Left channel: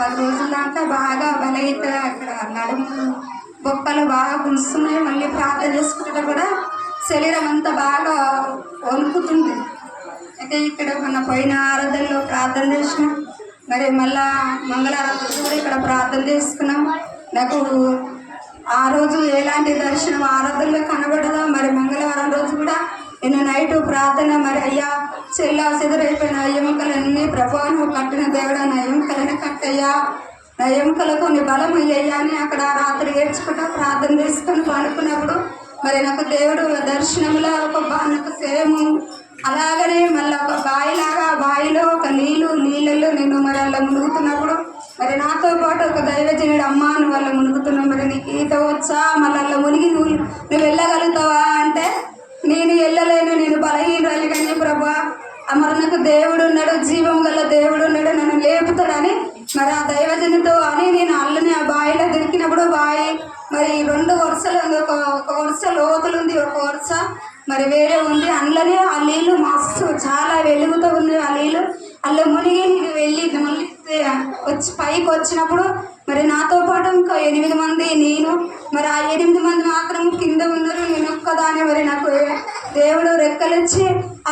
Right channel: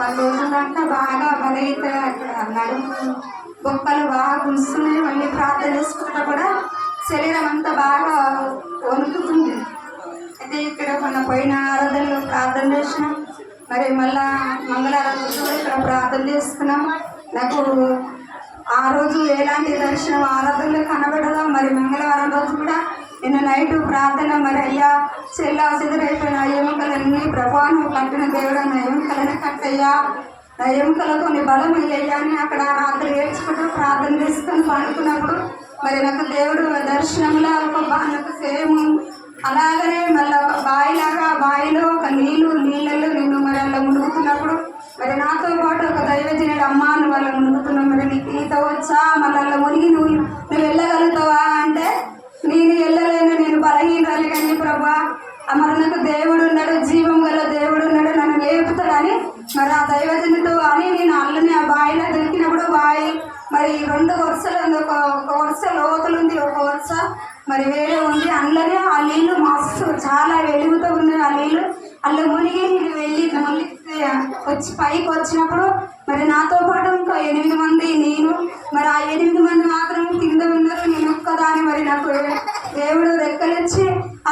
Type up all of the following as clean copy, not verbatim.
10 రోజుల దాకా బాగా బలహీత, అక్కడ నడుము బొక్కలు బాగా గుంజుతున్నాయి. మళ్ళీ ప్రార్థన చేసుకుంటా కూడా శరీరం అంతా బాగా వణుకుతుంది. అయితే ఇక్కడ మొన్న పోయిన ఆరాధనలో ప్రార్థన చేసినాం. మరి మళ్ళా మంగళవారం రోజు కూడా ఇక్కడ ప్రార్థన చేసుకున్నాం. నాకు ఆ రోజు ఎలాంటి దర్శనం ఆరాధనలో కనబడదా. మరి మంగళవారం రోజు కూడా నిన్న నైట్ ప్రార్థన, మరి అయ్యా చెల్లా చెదురైపోయిన ఎముకలన్నీ ప్రభావం కట్టిన దేవుడా, నా ఎముకలని కట్టయ్యా, నా ఎముకలకు నీ బలం ఇయ్యా అని అక్కడ రాత్రి ఏడ్చుకుంటూ ప్రార్థన చేసుకొని పడుకున్నప్పుడు మరి నాకు దేవుడు దర్శనంలో నాకు సేమ్ అలాగనే మళ్ళీ ఒక బావిలాగా, బావిలో ఒక నీళ్ళల్లో నేను మరి అలా మునుగుతున్నప్పుడు మరి నాతో పాటు ఒక దైవజనుడు అమ్మ నువ్వు అలా మునుగుతున్నావు, మరి నీకు ఈత వచ్చా, మళ్ళీ అలా మునిగి నువ్వు వెళ్ళగలుగుతావా అంటే నేను వెళ్ళలేను, నేను బలహీనరాలి, కానీ ప్రభా మరి నాకు దేవుడు ఉన్నాడు, జీవం గల దేవుడు ఉన్నాడు, నన్ను లేపుతాడని మరి ఆ దైవజనుతో అని నేను అల్లనే ఆ బావిలో దొరికినప్పుడు బావి మరి 2 వరుసలు ఉంది. ఒక వరుస లోతులుంది, ఒక వరుస మరి వేరే ఉంది. అందులోనే ఆ నీళ్ళు మస్తు చాలా వెలుగుతూ ఉన్నాయి. ఆ నీళ్ళు అలా మునిగి నేను వెళ్ళి మళ్ళీ వచ్చి పైకి వచ్చినప్పుడు మరి నాతో పాటు ఇంకో 8 మంది, నేను మరి ఆ 8 మంది మాత్రం కింద ఉన్నారు. నేను ఒక్కదాని మరి నాకు దేవుడు రెక్కలిచ్చి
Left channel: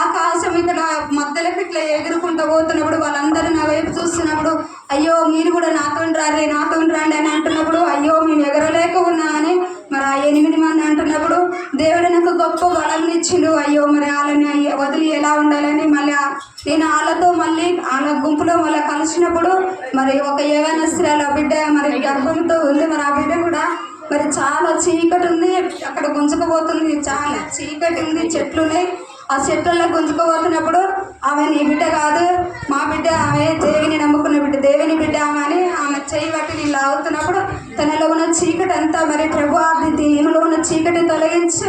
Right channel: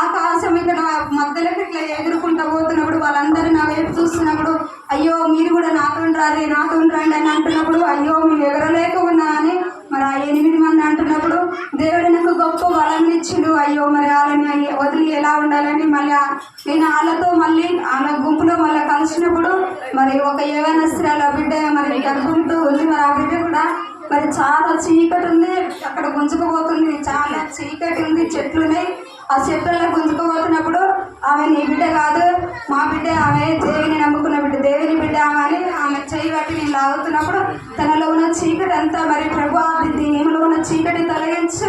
ఆకాశం ఇక్కడ మధ్యలోకి ఇట్లా ఎగురుకుంటూ పోతున్నప్పుడు వాళ్ళందరూ నా వైపు చూస్తున్నప్పుడు అయ్యో మీరు కూడా నాతో రండి అని అంటున్నప్పుడు అయ్యో మేము ఎగరలేక ఉన్నా అని మరి ఆ 8 మంది అంటున్నప్పుడు దేవుడు నాకు గొప్ప బలాన్ని ఇచ్చిండు. అయ్యో మరి వాళ్ళని వదిలి ఎలా ఉండాలని మళ్ళీ నేను వాళ్ళతో మళ్ళీ వాళ్ళ గుంపులో మళ్ళీ కలిసినప్పుడు మరి ఒక యవ్వనస్తురాలు బిడ్డ మరి గర్భంతో ఉంది. మరి ఆ బిడ్డ కూడా మరి చాలా చీకటి ఉంది, అక్కడ గుంజుకుపోతుంది, చాలా చీకటి ఉంది, చెట్లు ఉన్నాయి. ఆ చెట్లలో గుంజుకుపోతున్నప్పుడు ఆమె నీ బిడ్డ కాదు, మా బిడ్డ, ఆమె దేవిని నమ్ముకున్న బిడ్డ, దేవిని బిడ్డ ఆమె అని ఆమె చేయి బట్టి నేను లాగుతున్నప్పుడు తనలో ఉన్న చీకటి అంతా మరి ప్రభు దేహంలో ఉన్న చీకటి తొలగించు,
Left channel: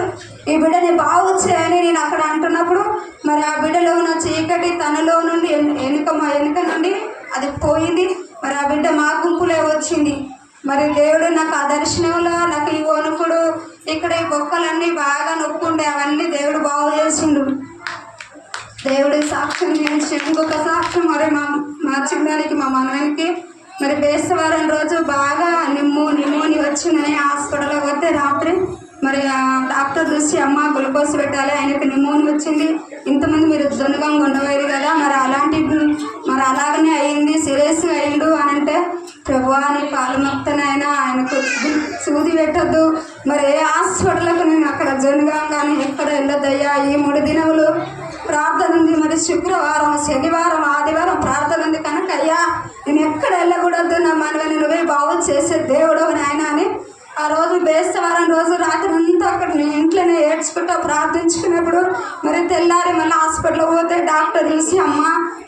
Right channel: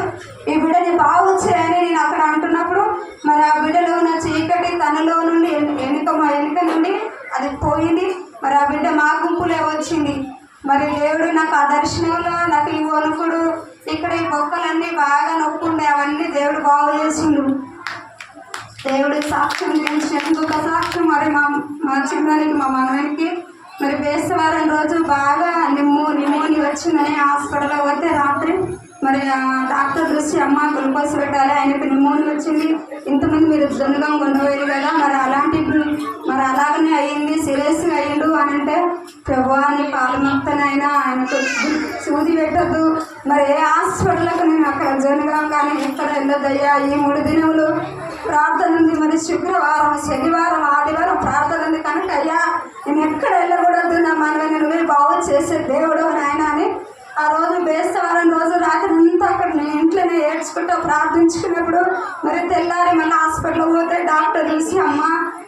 ఈ బిడ్డని బాగు చేయని నేను అక్కడ అంటున్నప్పుడు మరి ఆ బిడ్డలో ఉన్న చీకటి తనలో నుండి వెనుక నుండి అది పోయింది. మరి ఆ బిడ్డ మా గుంపులే వచ్చింది. మరి దేవుడు నాకు ఆ దర్శనంలో నాకు ఈ వణుకుడు, ఇక్కడ ఈ బొక్కలన్నీ బాగా నొక్కుండే అవన్నీ దేవుడు బాగు చేసిండు. దేవుడి సాక్ష్యం చేసి ఇంకొక సాక్ష్యం మరి మా చిన్నానికి, మా మనవనికి మరి బేస్తవారం రోజు బాగా నిమ్మని వచ్చిందని హాస్పిటల్లో పోతే రాత్రి మరి డాక్టర్ చూసి అమ్మ గ్లూకోజ్ పెట్టాలి, ఆయనకి నిమ్మని వచ్చింది, ఇంతమంది మీరు జొన్నగా ఉండవేరు కదా, మరి అలాంటి మరి అలాగనే అయ్యింది, సీరియస్గా అయ్యిండు అని అంటే ప్రభు అని కాలు నొప్పునైనా ఆయనకు సూది పెట్టద్దు, మరి ఏ హాస్పిటల్కి నేను అక్కడ జొన్నగా కానీ ఎక్కడ వెళ్ళొద్దయ్యా, ఈ 3 దినములు ప్రార్థన ఉంది, మరి శుక్రవారం, శనివారం, ఆదివారం ప్రార్థన ఉంది కనుక అయ్యా నేను ఎక్కడ వెళ్ళకూడదు, నా మనల్ని నువ్వే బాగు చేసే దేవుడు నాయన అని ఆ రోజు బేస్తవారం రోజు రాత్రి అంతా అక్కడ నేను ఇంట్లోనే ఏడ్చుకుంటూ ప్రార్థించుకున్నప్పుడు మరి తెల్లారి మళ్ళీ హాస్పిటల్ పోతే డాక్టర్ చూసి అమ్మ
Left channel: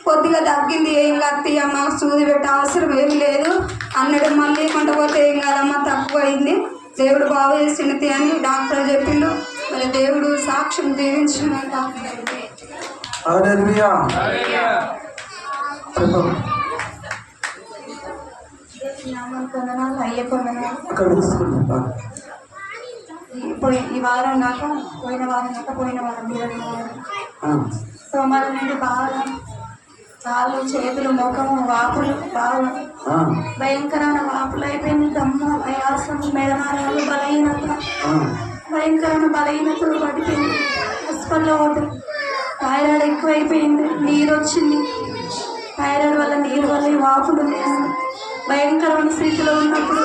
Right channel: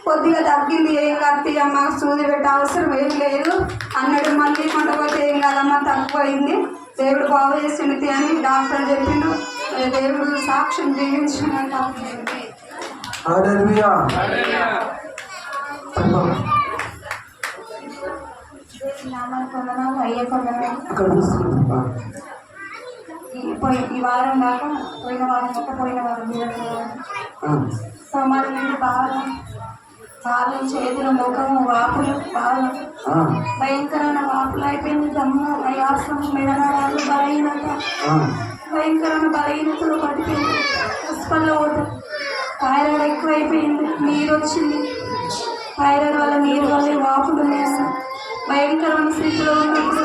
కొద్దిగా తగ్గింది, ఏం కాదు అమ్మ, సూది పెట్టే అవసరం ఏం లేదు అన్నాడు. మళ్ళీ కొంటపోతే ఏం కాదమ్మా తక్కువైంది, దేవుడు బాగు చేసినది అని డాక్టర్ చెప్పిండు. మరి దేవుడు సాక్ష్యం దీవించిన ఈ వారం నాకు పోయిన వారం సోమవారం నుండి బాగా కాళ్ళు, చేతులు, ముఖము వాపులు బాగా భయంకరమైన వాపులు అయిపోయింది. దమ్ము, ఆయాసము, మెడనరాలు, బలహీనత, భయంకరమైన బలహీనతలు పడిపోయింది. హాస్పిటల్లో పోతే థైరాయిడ్ ఎక్కువైపోయింది, నీరు వచ్చింది, థైరాయిడ్ వల్ల నీరు వల్ల వాపులు భయంకరమైన స్థితిలో ఉన్నప్పుడు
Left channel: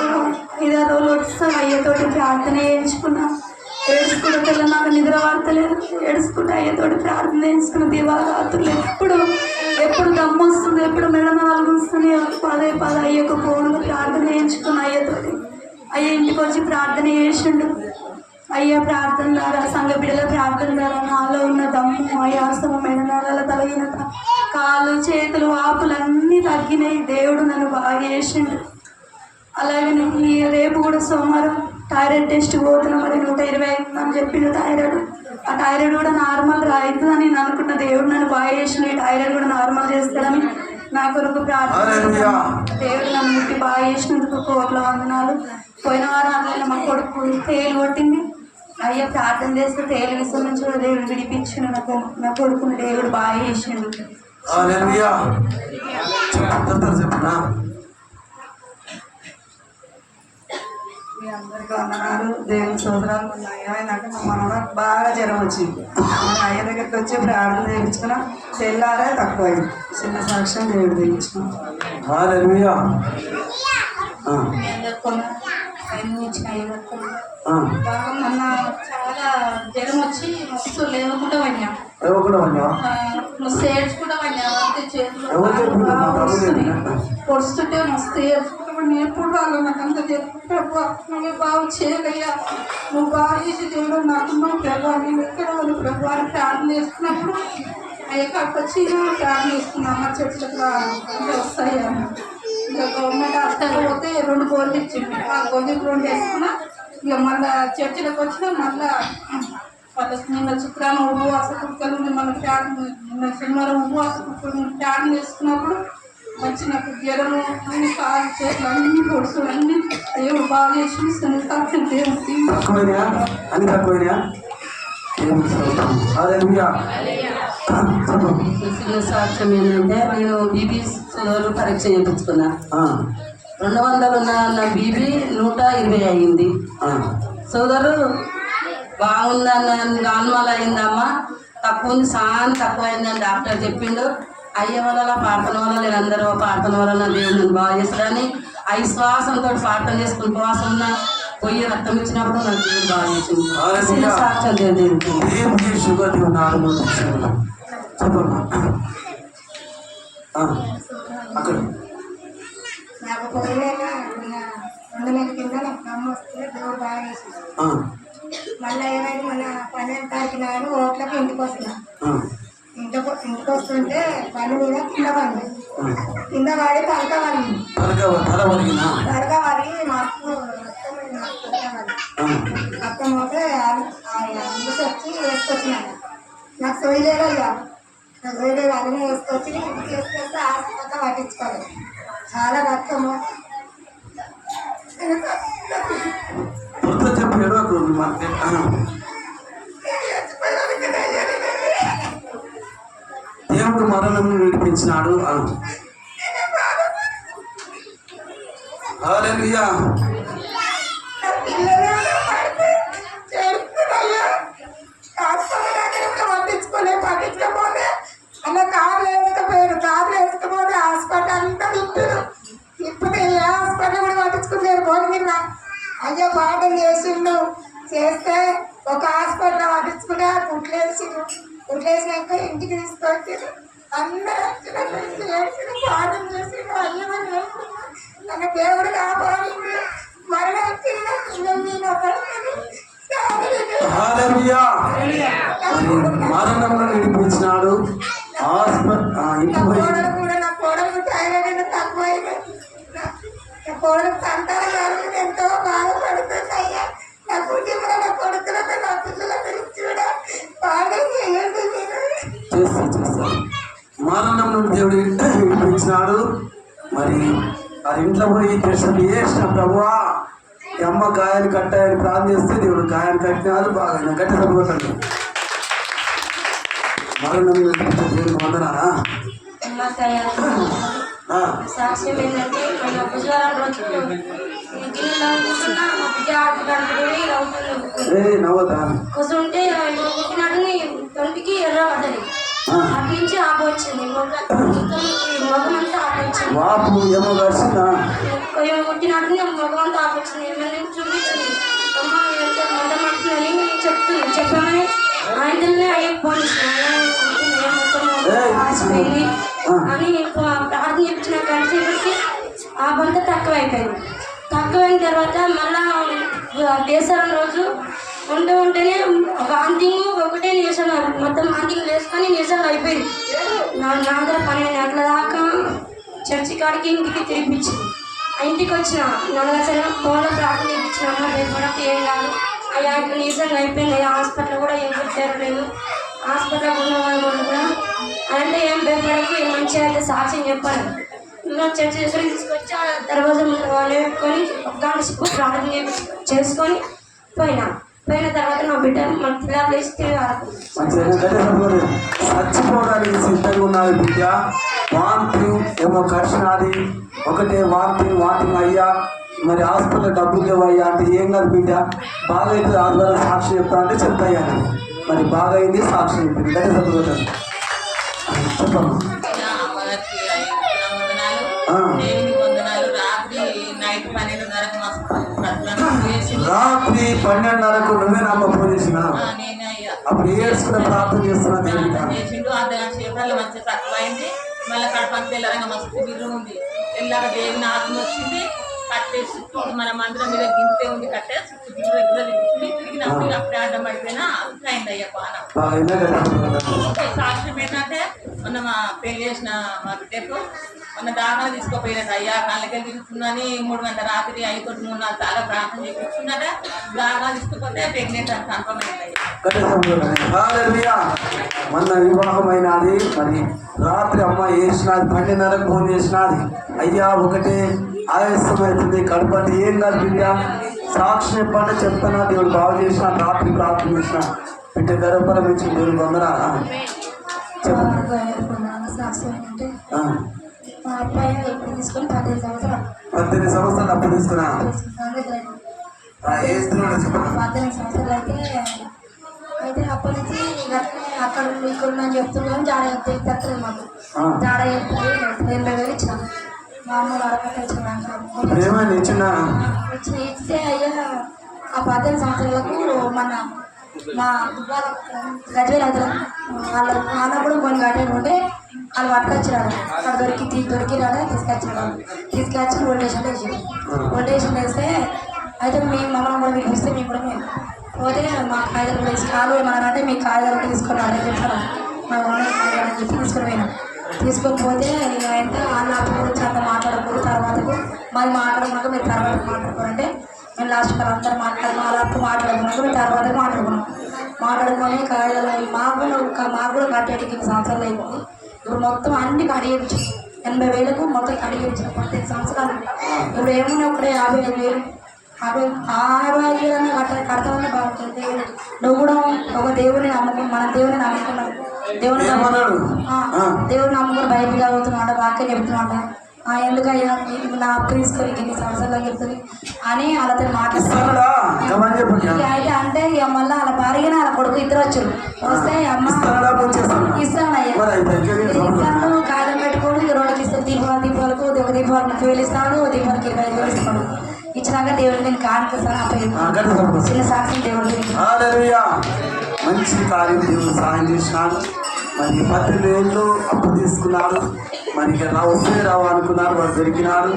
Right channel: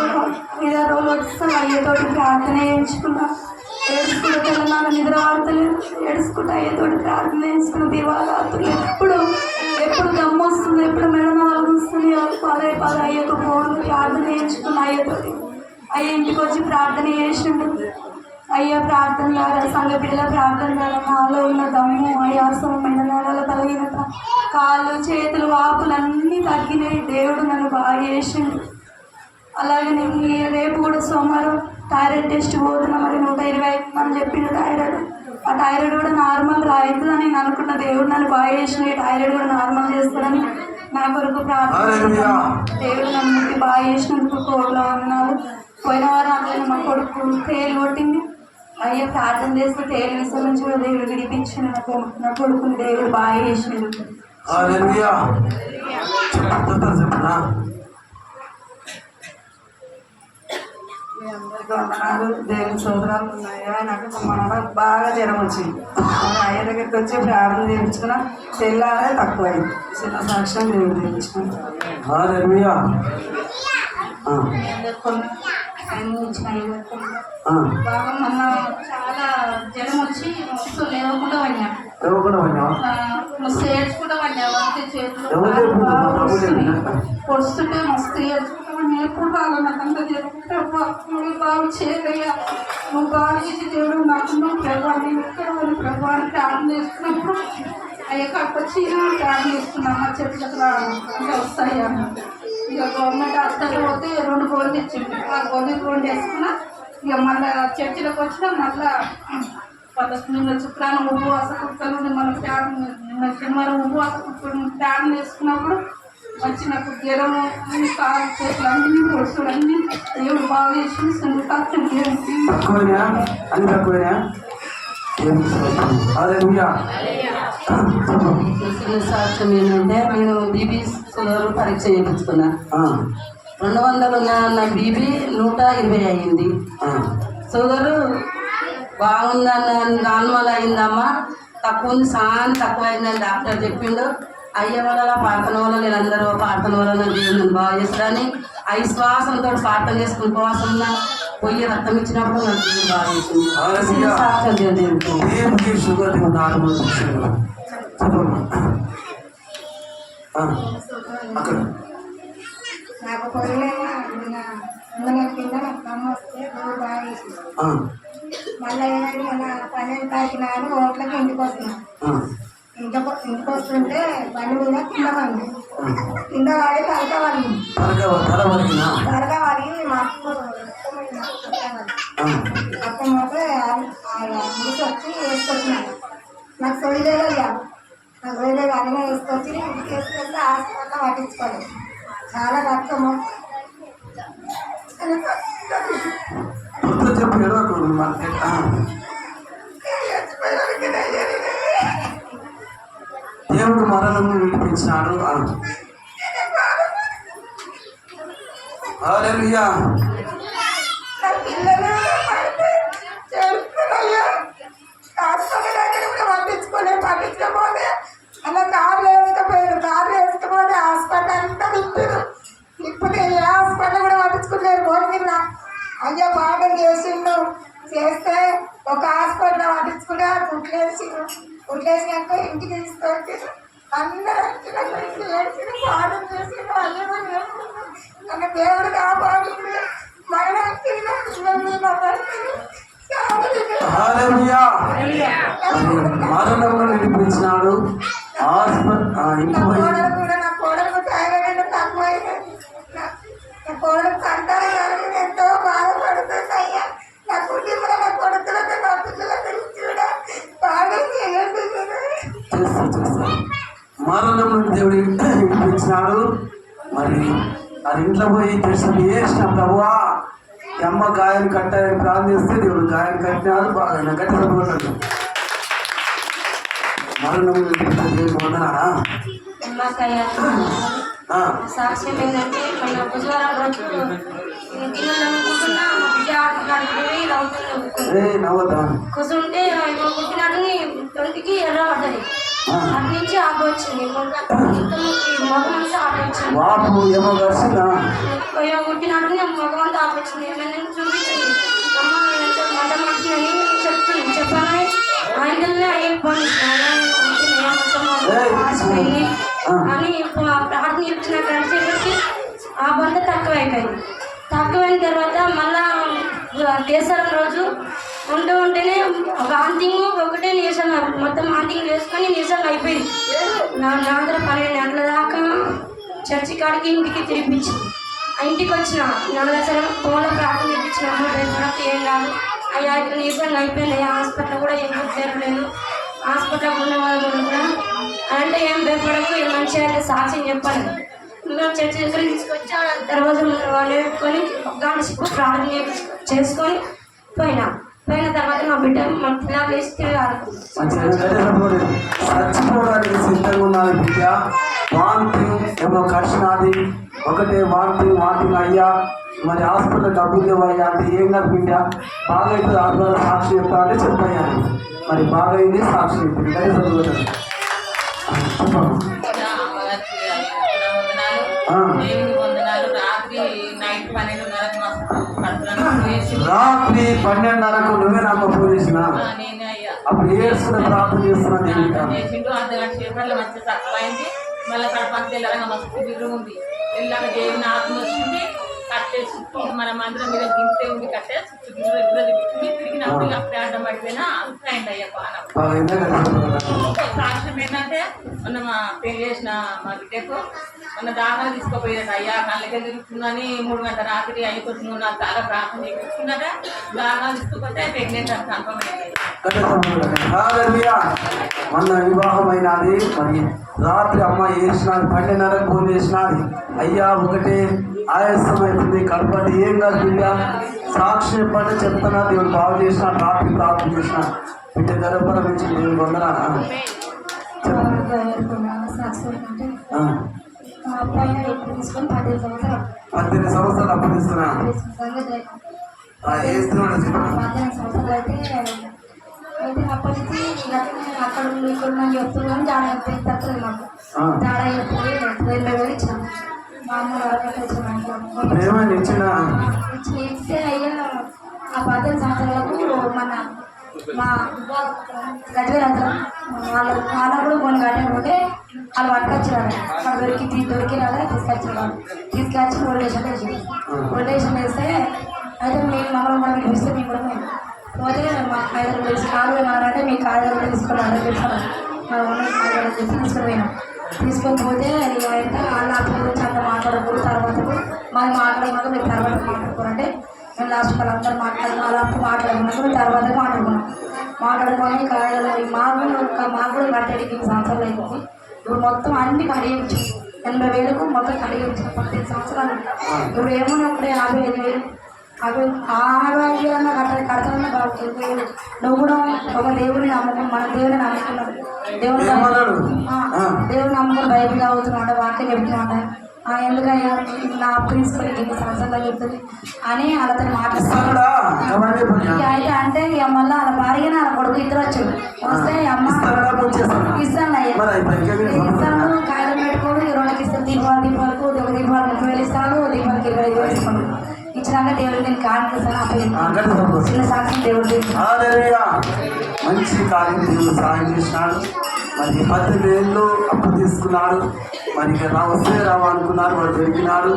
5 రోజులు వస్తాం అయ్యేతోటి ప్రార్థన చేయించుకున్నా. ఏడుచుకుంటూ తెల్లనాడు నిద్ర వాడతలేదు, ఏడుచుకుంటూ అయ్యేతోటి ప్రార్థన చేయించుకున్న దివారాత్రులు ఎప్పుడు దమ్ము వస్తుంది, ఎప్పుడు మెడమ వస్తుంది, పదే అయ్యకు ఫోన్లు ప్రార్థన చేయించుకున్న అయ్యేతోటి. అయ్యే ఇంటికి వచ్చి ప్రార్థన చేసిండు. అయ్యే ప్రార్థన ద్వారా, సంఘ బిడ్డల ప్రార్థన ద్వారా నాలో ఉన్న దమ్ము, ఆయాసము, మెడనాల బలహీనత, కాళ్ళు, చేతులు, వాపులన్నీ తగ్గినాయి. దేవుడు నన్ను బాగా చేసిండు. అలాగే నేను రేపు కూడా సోమవారం థైరాయిడ్ టెస్ట్ పోతున్నా. మరి 120 అని చెప్పిండు థైరాయిడ్. ఆ థైరాయిడ్ కూడా నార్మల్ రాయిద్దు అని నేను అనుకున్న. దేవుడు నన్ను బాగా చేసిన, ఈ థైరాయిడ్ కూడా నార్మల్ చేస్తాడని నా కొరకు ప్రార్థన. దేవుడు నన్ను ముట్టి బాగా చేసినందుకు కోట్ల వందనాలు. పోయిన వారం మా కొడుకు తేలు కొట్టింది. అయ్యా ప్రార్థన చేస్తే తేలు విషయం నుంచి కూడా దేవుడు విడిపించిండు. నా కొడుకుని దేవుడు బాగా చేసిండు. అందరికీ వందనాలు. దేవుని సోదరాలు ఉన్నాయా. నాకు మా మనవరాలు బాగా జ్వరం వచ్చింది. అయ్య దగ్గరికి వచ్చి ప్రార్థన చేయించుకున్నా. తెల్లారే తక్కువ అయింది. చిన్న సాక్ష్యం దేవుడు చేయించుకున్నాం. బాగా మొన్న చాలా జ్వరం వచ్చి మస్తు లేవకుండా పడినా, మస్తు ఏడ్చుకుంటా పడినా. చేతులు పొడుస్తుంటే మస్తు ఏడ్చుకుంటా. ఎప్పుడు బాగా నాకు అంత నువ్వు బాగు చేయగలిగా, నువ్వు బాగా చేసి దేవుడు నాకున్నావు ప్రభు అని ఎక్కడ ఉంది ప్రభు అని ప్రార్థన చేసుకున్నప్పుడు ఎక్కడికి వచ్చి ప్రార్థన చేసుకున్నాం. మా చర్చలకు వస్తాయి అన్న. ఇక గవర్నమెంట్ హాస్పిటల్ పోతే 2 గోళ్ళు ఇచ్చింది. ఆ గోళ్ళు 2 వేసుకున్నా. ఇక మళ్ళీ చర్చిలోకి వచ్చినా మళ్ళీ నిన్న శుక్రవారం ఉపవాస కుక్కలు మళ్ళీ నిన్న శనివారం ఉపవాస కుక్కలు ప్రార్థన చేసుకున్నప్పుడు వచ్చి నాకు జ్వరము కాలు చేతులు అన్ని పొడుచులు అన్ని దేవుడు బాగా చేసి సాక్ష్యం ఏంటంటే నేను బీపీ షుగర్ పరీక్ష చేయించుకున్నా. 200 ఉన్న బీపీ 120 అయింది. షుగరు బాగుందన్న నార్మల్ అయిందమ్మా, తక్కువ ఉంది, చాలా తక్కువ అయిందని డాక్టర్ చెప్పిండు. అయ్యే వల్ల ప్రార్థన వల్ల నేను అందరూ ప్రార్థన వల్ల దేవుడు బాగా చేస్తారని అవిశ్వాసంతో ప్రార్థన చేసుకుని ఉపవాసం ఉన్నా. పోయి రక్తం ఇచ్చినప్పుడు నాకు దేవుడు బాగా చేసింది. సాక్ష్యం షుగర్ నాకు పొరలేక 2 నెలల కింద నాకు అమ్మ వస్తే దేవుడు బాగా చేసింది. మళ్ళీ ఏమైంది, మన 12 తారీఖు నాడు ఓట్లకి ఇంటికి వస్తున్నా. ఇంటికి వస్తుంటే బండి మీద కింద పడి తలక పడి మాకు రక్తం పోతే ఇంటికి వచ్చి వేసుకొచ్చినాను. నాకు సొయ్యలేదు నాకు సొయ్యలేదు అన్నీ వేసుకొచ్చి ఇంటికి వేసుకొస్తే హాస్పిటల్ పట్టించుకోలేదు. చాలా రక్తము దేవుడు మరణం విడిపించినాడు. హల్లెలూయా. పట్టించుకోలే అలా కార్లు వేసుకపోతే హాస్పిటల్ అంతా తిప్పారు. ఇప్పుడు ఏ హాస్పిటల్ కూడా పట్టించుకుంటారు. పోనీ అయ్యో పాటలు చేసిండు. చేస్తే ఒక హాస్పిటల్ పట్టించుకుంటే కుట్లేసినాక ఇంటికి తీసుకొచ్చారు. అందరూ పాటలు చేసిండు. అయ్యో నన్ను దేవుడు కాపాడింది. మరణం మరణమును విడిపించినాడు. కూడా నా కోడలు థైరాయిడ్ తక్కువ అయిపోయింది. నా కోడలు కంటారు కానీ ఎంతో బాధపడుతుంది. అయ్యా నా కుటుంబంలో నా కొడుకులకు నా పిల్లల గురించి కూడా బాగా చేయండి. మరణమును దేవుడు విడిపించినాడు. మరి అది ఇంట్లో పోయి చేసిన చేసిన ప్రభువా అమ్మ గాయాన్ని కట్టాయని ప్రార్థన చేస్తే దేవుడు గాయాన్ని కట్టినాడు. బాగా గట్టి సపోతాడు. మరణం వందనానా సాక్ష్యం ఏంటంటే మన బుధవారం రోజు కూర్చుంటే పుట్టినాడు తొంటికి ఎర్ర పడ్డది. అటు నుంచి ఆపు వచ్చింది. మగం అంతా ఆపు వచ్చింది. పుట్టినాడు మగం అంతా ఆపు వచ్చింది. చూపించింది మంట మంటుందని చెప్పమని ఆయననే అయ్యే పంపించింది. అని ప్రార్థన ఇచ్చిన గడిచేపటికి ఆ బంత తక్కువైపోయింది. తక్కువైన తర్వాత మళ్ళా కేసరం రోజు ఉంటేనే వాంతింగ్ ఒకటే నీరసం, మొత్తం వాంతింగ్ వేసుకొని నీరసం అయిపోయింది. నా దగ్గర 12 గంటల దాకా చర్చి కాడికి ఇంటికి తిరిపించింది. ఇంటికి వచ్చిన నల్లసరి ఫోన్లో ప్రార్థన చేయించిన అమ్మ భయపడక ఏం కాదు అయ్యా ఇప్పుడు నీరసంగా అయిపోయింది. హాస్పిటల్ కూడా ఏం చేరలేదు. హాస్పిటల్ ఉన్న వాళ్ళు కూడా అంటే ఏం భయపడకు మంచిగా అయితే సాక్ష్యం చెప్పాలి. మేము చర్చి దగ్గర తీసుకొచ్చి ఆ తర్వాత వాళ్ళు పెట్టుకొని గంట ప్రార్థన చేసుకొని పోయిన తర్వాత మా బిడ్డ మన పిల్లలు వేసి చచ్చిపోవడానికి సిద్ధంగా ఉన్నది బిడ్డ. వాంతింగ్ ఏమో కరిచినది. ఒకటే వాంతింగ్ అయ్యా మరి హాస్పిటల్ డబ్బులు లేవయ్యా అంటే ఏం కాదు బిడ్డ బాగా అయితే 6 రోజులు సాక్షి చెప్తా అంటే చెప్తాయా మరి బాగా అయింది సాక్షి చెప్పింది కదా చదువుతాను రాత్రి 12:30కు నువ్వే నామ్మ ఫోన్ చేసిన అప్పుడు ఏడ్చుకునే ప్రార్థన చేస్తున్నా చేసిండు అర్ధగంట సేపట్లో మంచిగా తక్కువైంది. మళ్ళీ కడపకి తెల్లరంగా మస్తు బిర్రు ఉంది. తెల్లగా దేవుని ఆత్మ వచ్చింది. కట్టే చుట్టూ మన మందిరం మీద గింతే ఉంది. కట్టే చుట్టూ గిన్నె తిరిగినప్పుడు అప్పుడే అడ్డం పడిపోయినా అంతైంది అయ్యా పానం. సాక్ష్యం ఏంటంటే మొన్న మా పెళ్లి చేసిన మా బిడ్డకు మొన్న దాఖలు తీసుకోపోయినట్టు అయ్యా కళ్ళకి తిరుగుతుందని 3 గంటల రాత్రి 5 నాకు చాలా ప్రార్థన చేయించుకున్నట. దాఖలు తీసుకుపోతే ప్రెగ్నెంట్ అని సంపమైంది. మొన్న వివాహం అయినది. మరి రాత్రి అమ్మ ఏడ్చినది 12:30కు ఫోన్ చేసినది. అయ్యా ఒకటే ఆయాసం అవుతుంది కడపండి ఏం కాదు బిడ్డ సాక్షి చెప్పంటే చెప్తున్నా దేవుడు బాగు చేసిన రాత్రి ప్రార్థన చేసిన బిడ్డ గర్భం నుంచి దేవుడు వందనా మా అబ్బాయి ఇప్పుడు తీసుకొని 18 సంవత్సరాలు 18 సంవత్సరాలు అప్పు తీసుకున్నా 18 సంవత్సరాలు అయితే అప్పటి నుంచి అక్కడ ఇక్కడ చెప్తున్నాం జాడ చెప్తలేదు మాకు జాడ చెప్తుంది 20,000 ఇచ్చాము. మా అమ్మ అడగట్టు ఇస్తే అయ్యా ఆ 18 సంవత్సరాలకు మా గజవేల వాళ్ళ కూడా కొన్ని కట్టేది ఉంటే వాళ్ళు పట్టుకొచ్చినారు. అక్కడ దొరికినారు తీసుకొచ్చి ఓల్డేషన్ వేసి ఓల్డేషన్ వేస్తే అయితే మేము మమ్మల్ని కూడా మీకు ఇస్తే మేము కూడా మేము పోతే మా కాయలు వేసి కాలు ఏమన్నారంటే మీ కాయలు తీసుకొని అని చెప్తాను మా కాయలు అని చెప్పి తీసుకొని పోయినాం. తీసుకొని పోతే ఇక ఎంత వాళ్ళ గురించి అంతా మాట్లాడకూడదు తర్వాతకు మరి మాట్లాడమాక మీరు తర్వాత మాట్లాడుకోరంటే మేము లాస్ట్ వాళ్ళందరూ వాళ్ళ అప్పుడు మాట్లాడుకున్నాక మేము తర్వాత మాట్లాడుకొని కాయలు మాకు కూడా కట్టేటికి సంవత్సరాలు అయిపోయింది. ఇప్పుడు మొత్తం అన్ని కడిగించు 80,000కు మొత్తం కడిగించాం 15 సంవత్సరాలు. ఇప్పుడు ఏమన్నా ఒకటే 55,000 65,000 కడతామని బాగుంటుంది. నువ్వు కూడా ఒక దేవుని నమ్ముకుని మన దేవుని నమ్ముకున్నావు దేవుని నమ్ముకుని బయటకు అవుతున్నాడు వాక్యం చెప్తున్నాడ ఎందుకయ్యా నా అప్పు తీసుకొని 2 సంవత్సరాలు చెప్తుంది అని వాళ్ళతో మాట్లాడుతున్నాడు. అయితే అంటే మళ్ళీ వాళ్ళ భార్యని వాళ్ళ కొడుకు ఇద్దరు వచ్చారు. వస్తే అమ్మ ఇస్తానయ్యా ఇస్తాను కాయలు పెట్టుకోడు 2 ఇస్తాను దీపావళికి ఒక దీపావళి 30,000 ఇస్తాడు దీపావళికి 25,000 ఇస్తాడు. ఇచ్చినాక దేవుడు నేను కానుకస్తాను చిన్న సాక్షి దేవుడు మంచి కార్యం దేవుడు సాయం చేసినాడు. మరి 18 ఏళ్ళు అప్పు తీసుకున్నాడు. మరి ఇక్కడ వస్తే అనుకున్నాడు వాడు దొరికినాడు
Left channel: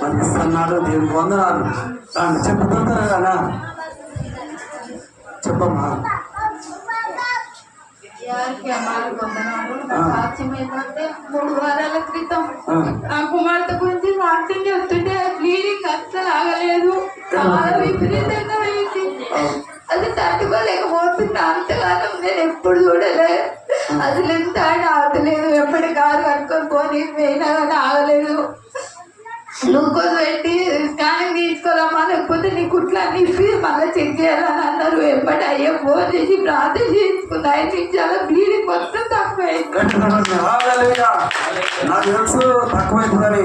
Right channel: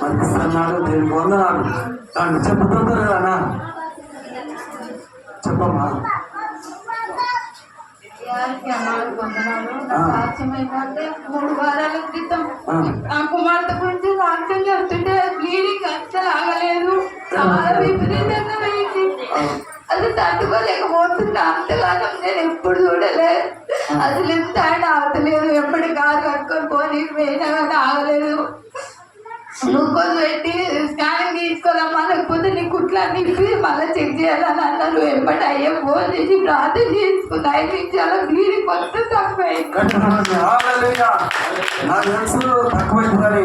మరి ఇస్తున్నాడు దేవుడికి వందనాలు. చెప్పుకుంటారు కదా చెప్పమ్మా. సాక్ష్యం ఏంటంటే 3 వారాల క్రితం ఆ కుమార్తె గురించి సాక్ష్యం చెప్తుంటే బ్లీడింగ్ అస్సలు ఆగలేదు. చాలా విపరీతంగా అయింది. అది తట్టుకోలేకపోతున్నా. అంతకాలం నేను ఎప్పుడు చూడలేదు. అసలు ఎంత ఆయన ఆగలేదు. ఎప్పటి కారు కట్టుకొని పోనీ పోయినా కానీ ఆగలేదు. గ్లూకోజ్ పెట్టి స్కానింగ్ తీసుకోవాలమ్మా లేకపోతే నీ కుట్లా నిప్పి మళ్ళీ చెక్ చేయాలని అన్నారు. ఎప్పటి అయ్యే ఫోన్ చేసి ప్రార్థన చేసుకున్నా. 5 నిమిషాల బ్లీడింగ్ మొత్తం తక్కువైంది. నాకు తెలుసు తక్కువైందని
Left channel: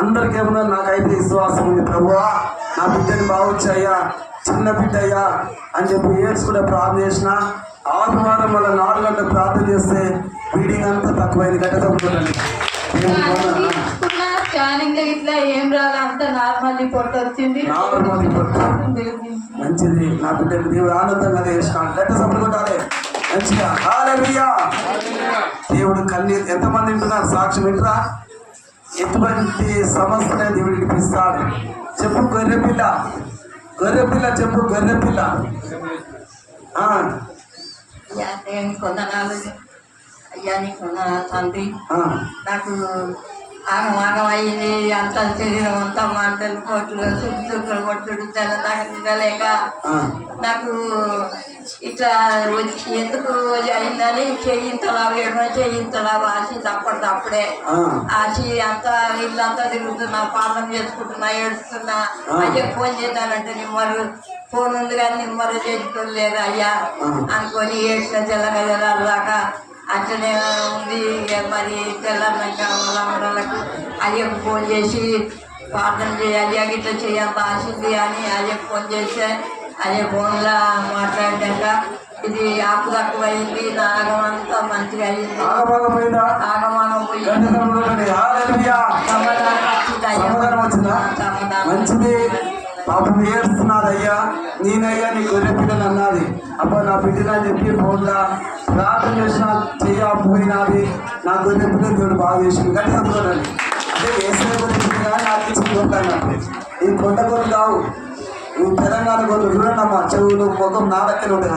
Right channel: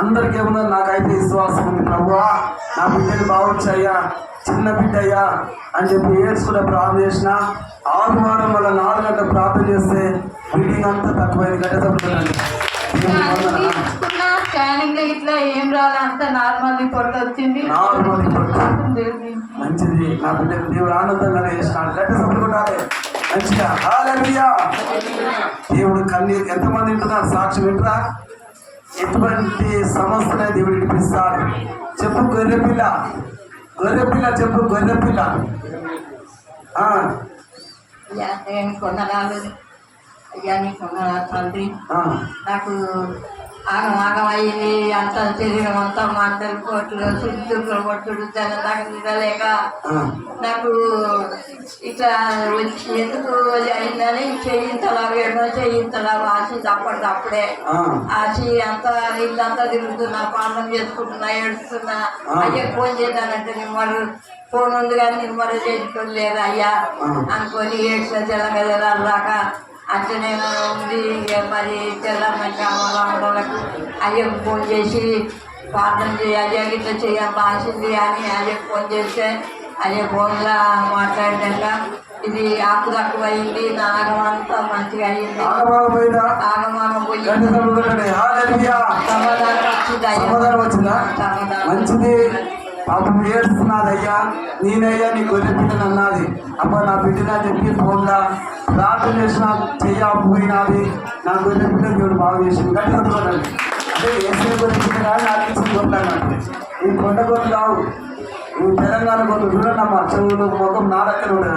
అందరికి ఏమన్నా నాకైతే విశ్వాసం ఉంది. ప్రభువా నా బిడ్డని బాగొచ్చాయ్యా చిన్న బిడ్డ అయ్యా అని చెప్పి ఏడ్చుకుంటే ప్రార్థన చేసిన 6 వారం మళ్ళీ 4 గంటల ప్రార్థన చేస్తే బ్లీడింగ్ అంతా తక్కువైంది. గట్ట తప్పుకోండి స్కానింగ్ ఇట్లా ఏం రాలే అంత నార్మల్ రిపోర్ట్ వచ్చింది. మంచిది. నా బిడ్డకు దేవుడు ఆనందంగా చేసినాడు. గట్ట తప్పుకుంటారే మంచిగా హల్లెలూయా. దేవుడు కన్నీరు ఎంతమంది వింటున్నారు సాక్ష్యం వింటురా. ఎటువంటి సమస్యనే దేవుడు విడిపిస్తాడు. చెప్పు గొర్రెపిల్ల చెప్పు గొర్రెపిల్ల. కొందనాలు అయ్యా నీకు తండ్రి నాకు ఆగమయ్యింది. అంత శరీరం అంతా మంటలు కోట్లు చుట్టూ కొట్టుడు దాకా తినలేక నాకు ఇట్లా ఎందుకు అయిందని చేయింతలా వేయడం చేయింతలా ఆశి అప్పటికప్పుడే ఆశి అంతా వీళ్ళంతా తిరుగుతున్నా పాలన చేసుకుంటున్నా ఏడుస్తున్నా. అయ్యా ఫోన్ చేద్దానంటే నిమ్మరు ఫోన్ ఉంది కానీ నిమ్మరు చేసుకొని లేదు అయ్యా అనుకొని ఏడ్చిన తెల్లగలదాకా అట్లనే ఉంది. మరి తెల్లన్నాక వాళ్ళకి అయ్యకు ఫోన్ చేసి ప్రార్థన చేయాలి ఇట్లా చేయాల్సింది అని అయ్యే ఫోన్ చేస్తే అయ్యే ఫోన్లో మాట్లాడాక ఇది ఆకు తక్కువైంది నాగం అంతా మంచిగా అయ్యింది. ఆగమాగపోయిందా? ఆగమాగం పోయి గంట సముద్రం హల్లెలూయా. సమాధానం వచ్చింది అయ్యా. సమాధానం వచ్చిందా? సమాధానం మంచిది. పాపం ఏడుస్తున్నది అయ్యా, నేనయ్యా నీ గొర్రె పిల్లని అన్నది. అబ్బా నా బిడ్డనా చెప్పి ఫోన్లా ప్రార్థన చేసిన చెయ్యపోయినది, నా గొర్రె పిల్లని దేవుడు బాగా చేసింది. గట్టి చదువుకోండి. అదే వేసే గొర్రె పిల్ల కానీ నాకు ఇచ్చిన గొర్రెలు ఈ కొండ గొర్రెలు కావు, నువ్వు తెలంగాణ గొర్రెలు చూడన్నమ్మా, చెవులు మొత్తం నా దగ్గర ఉంటా.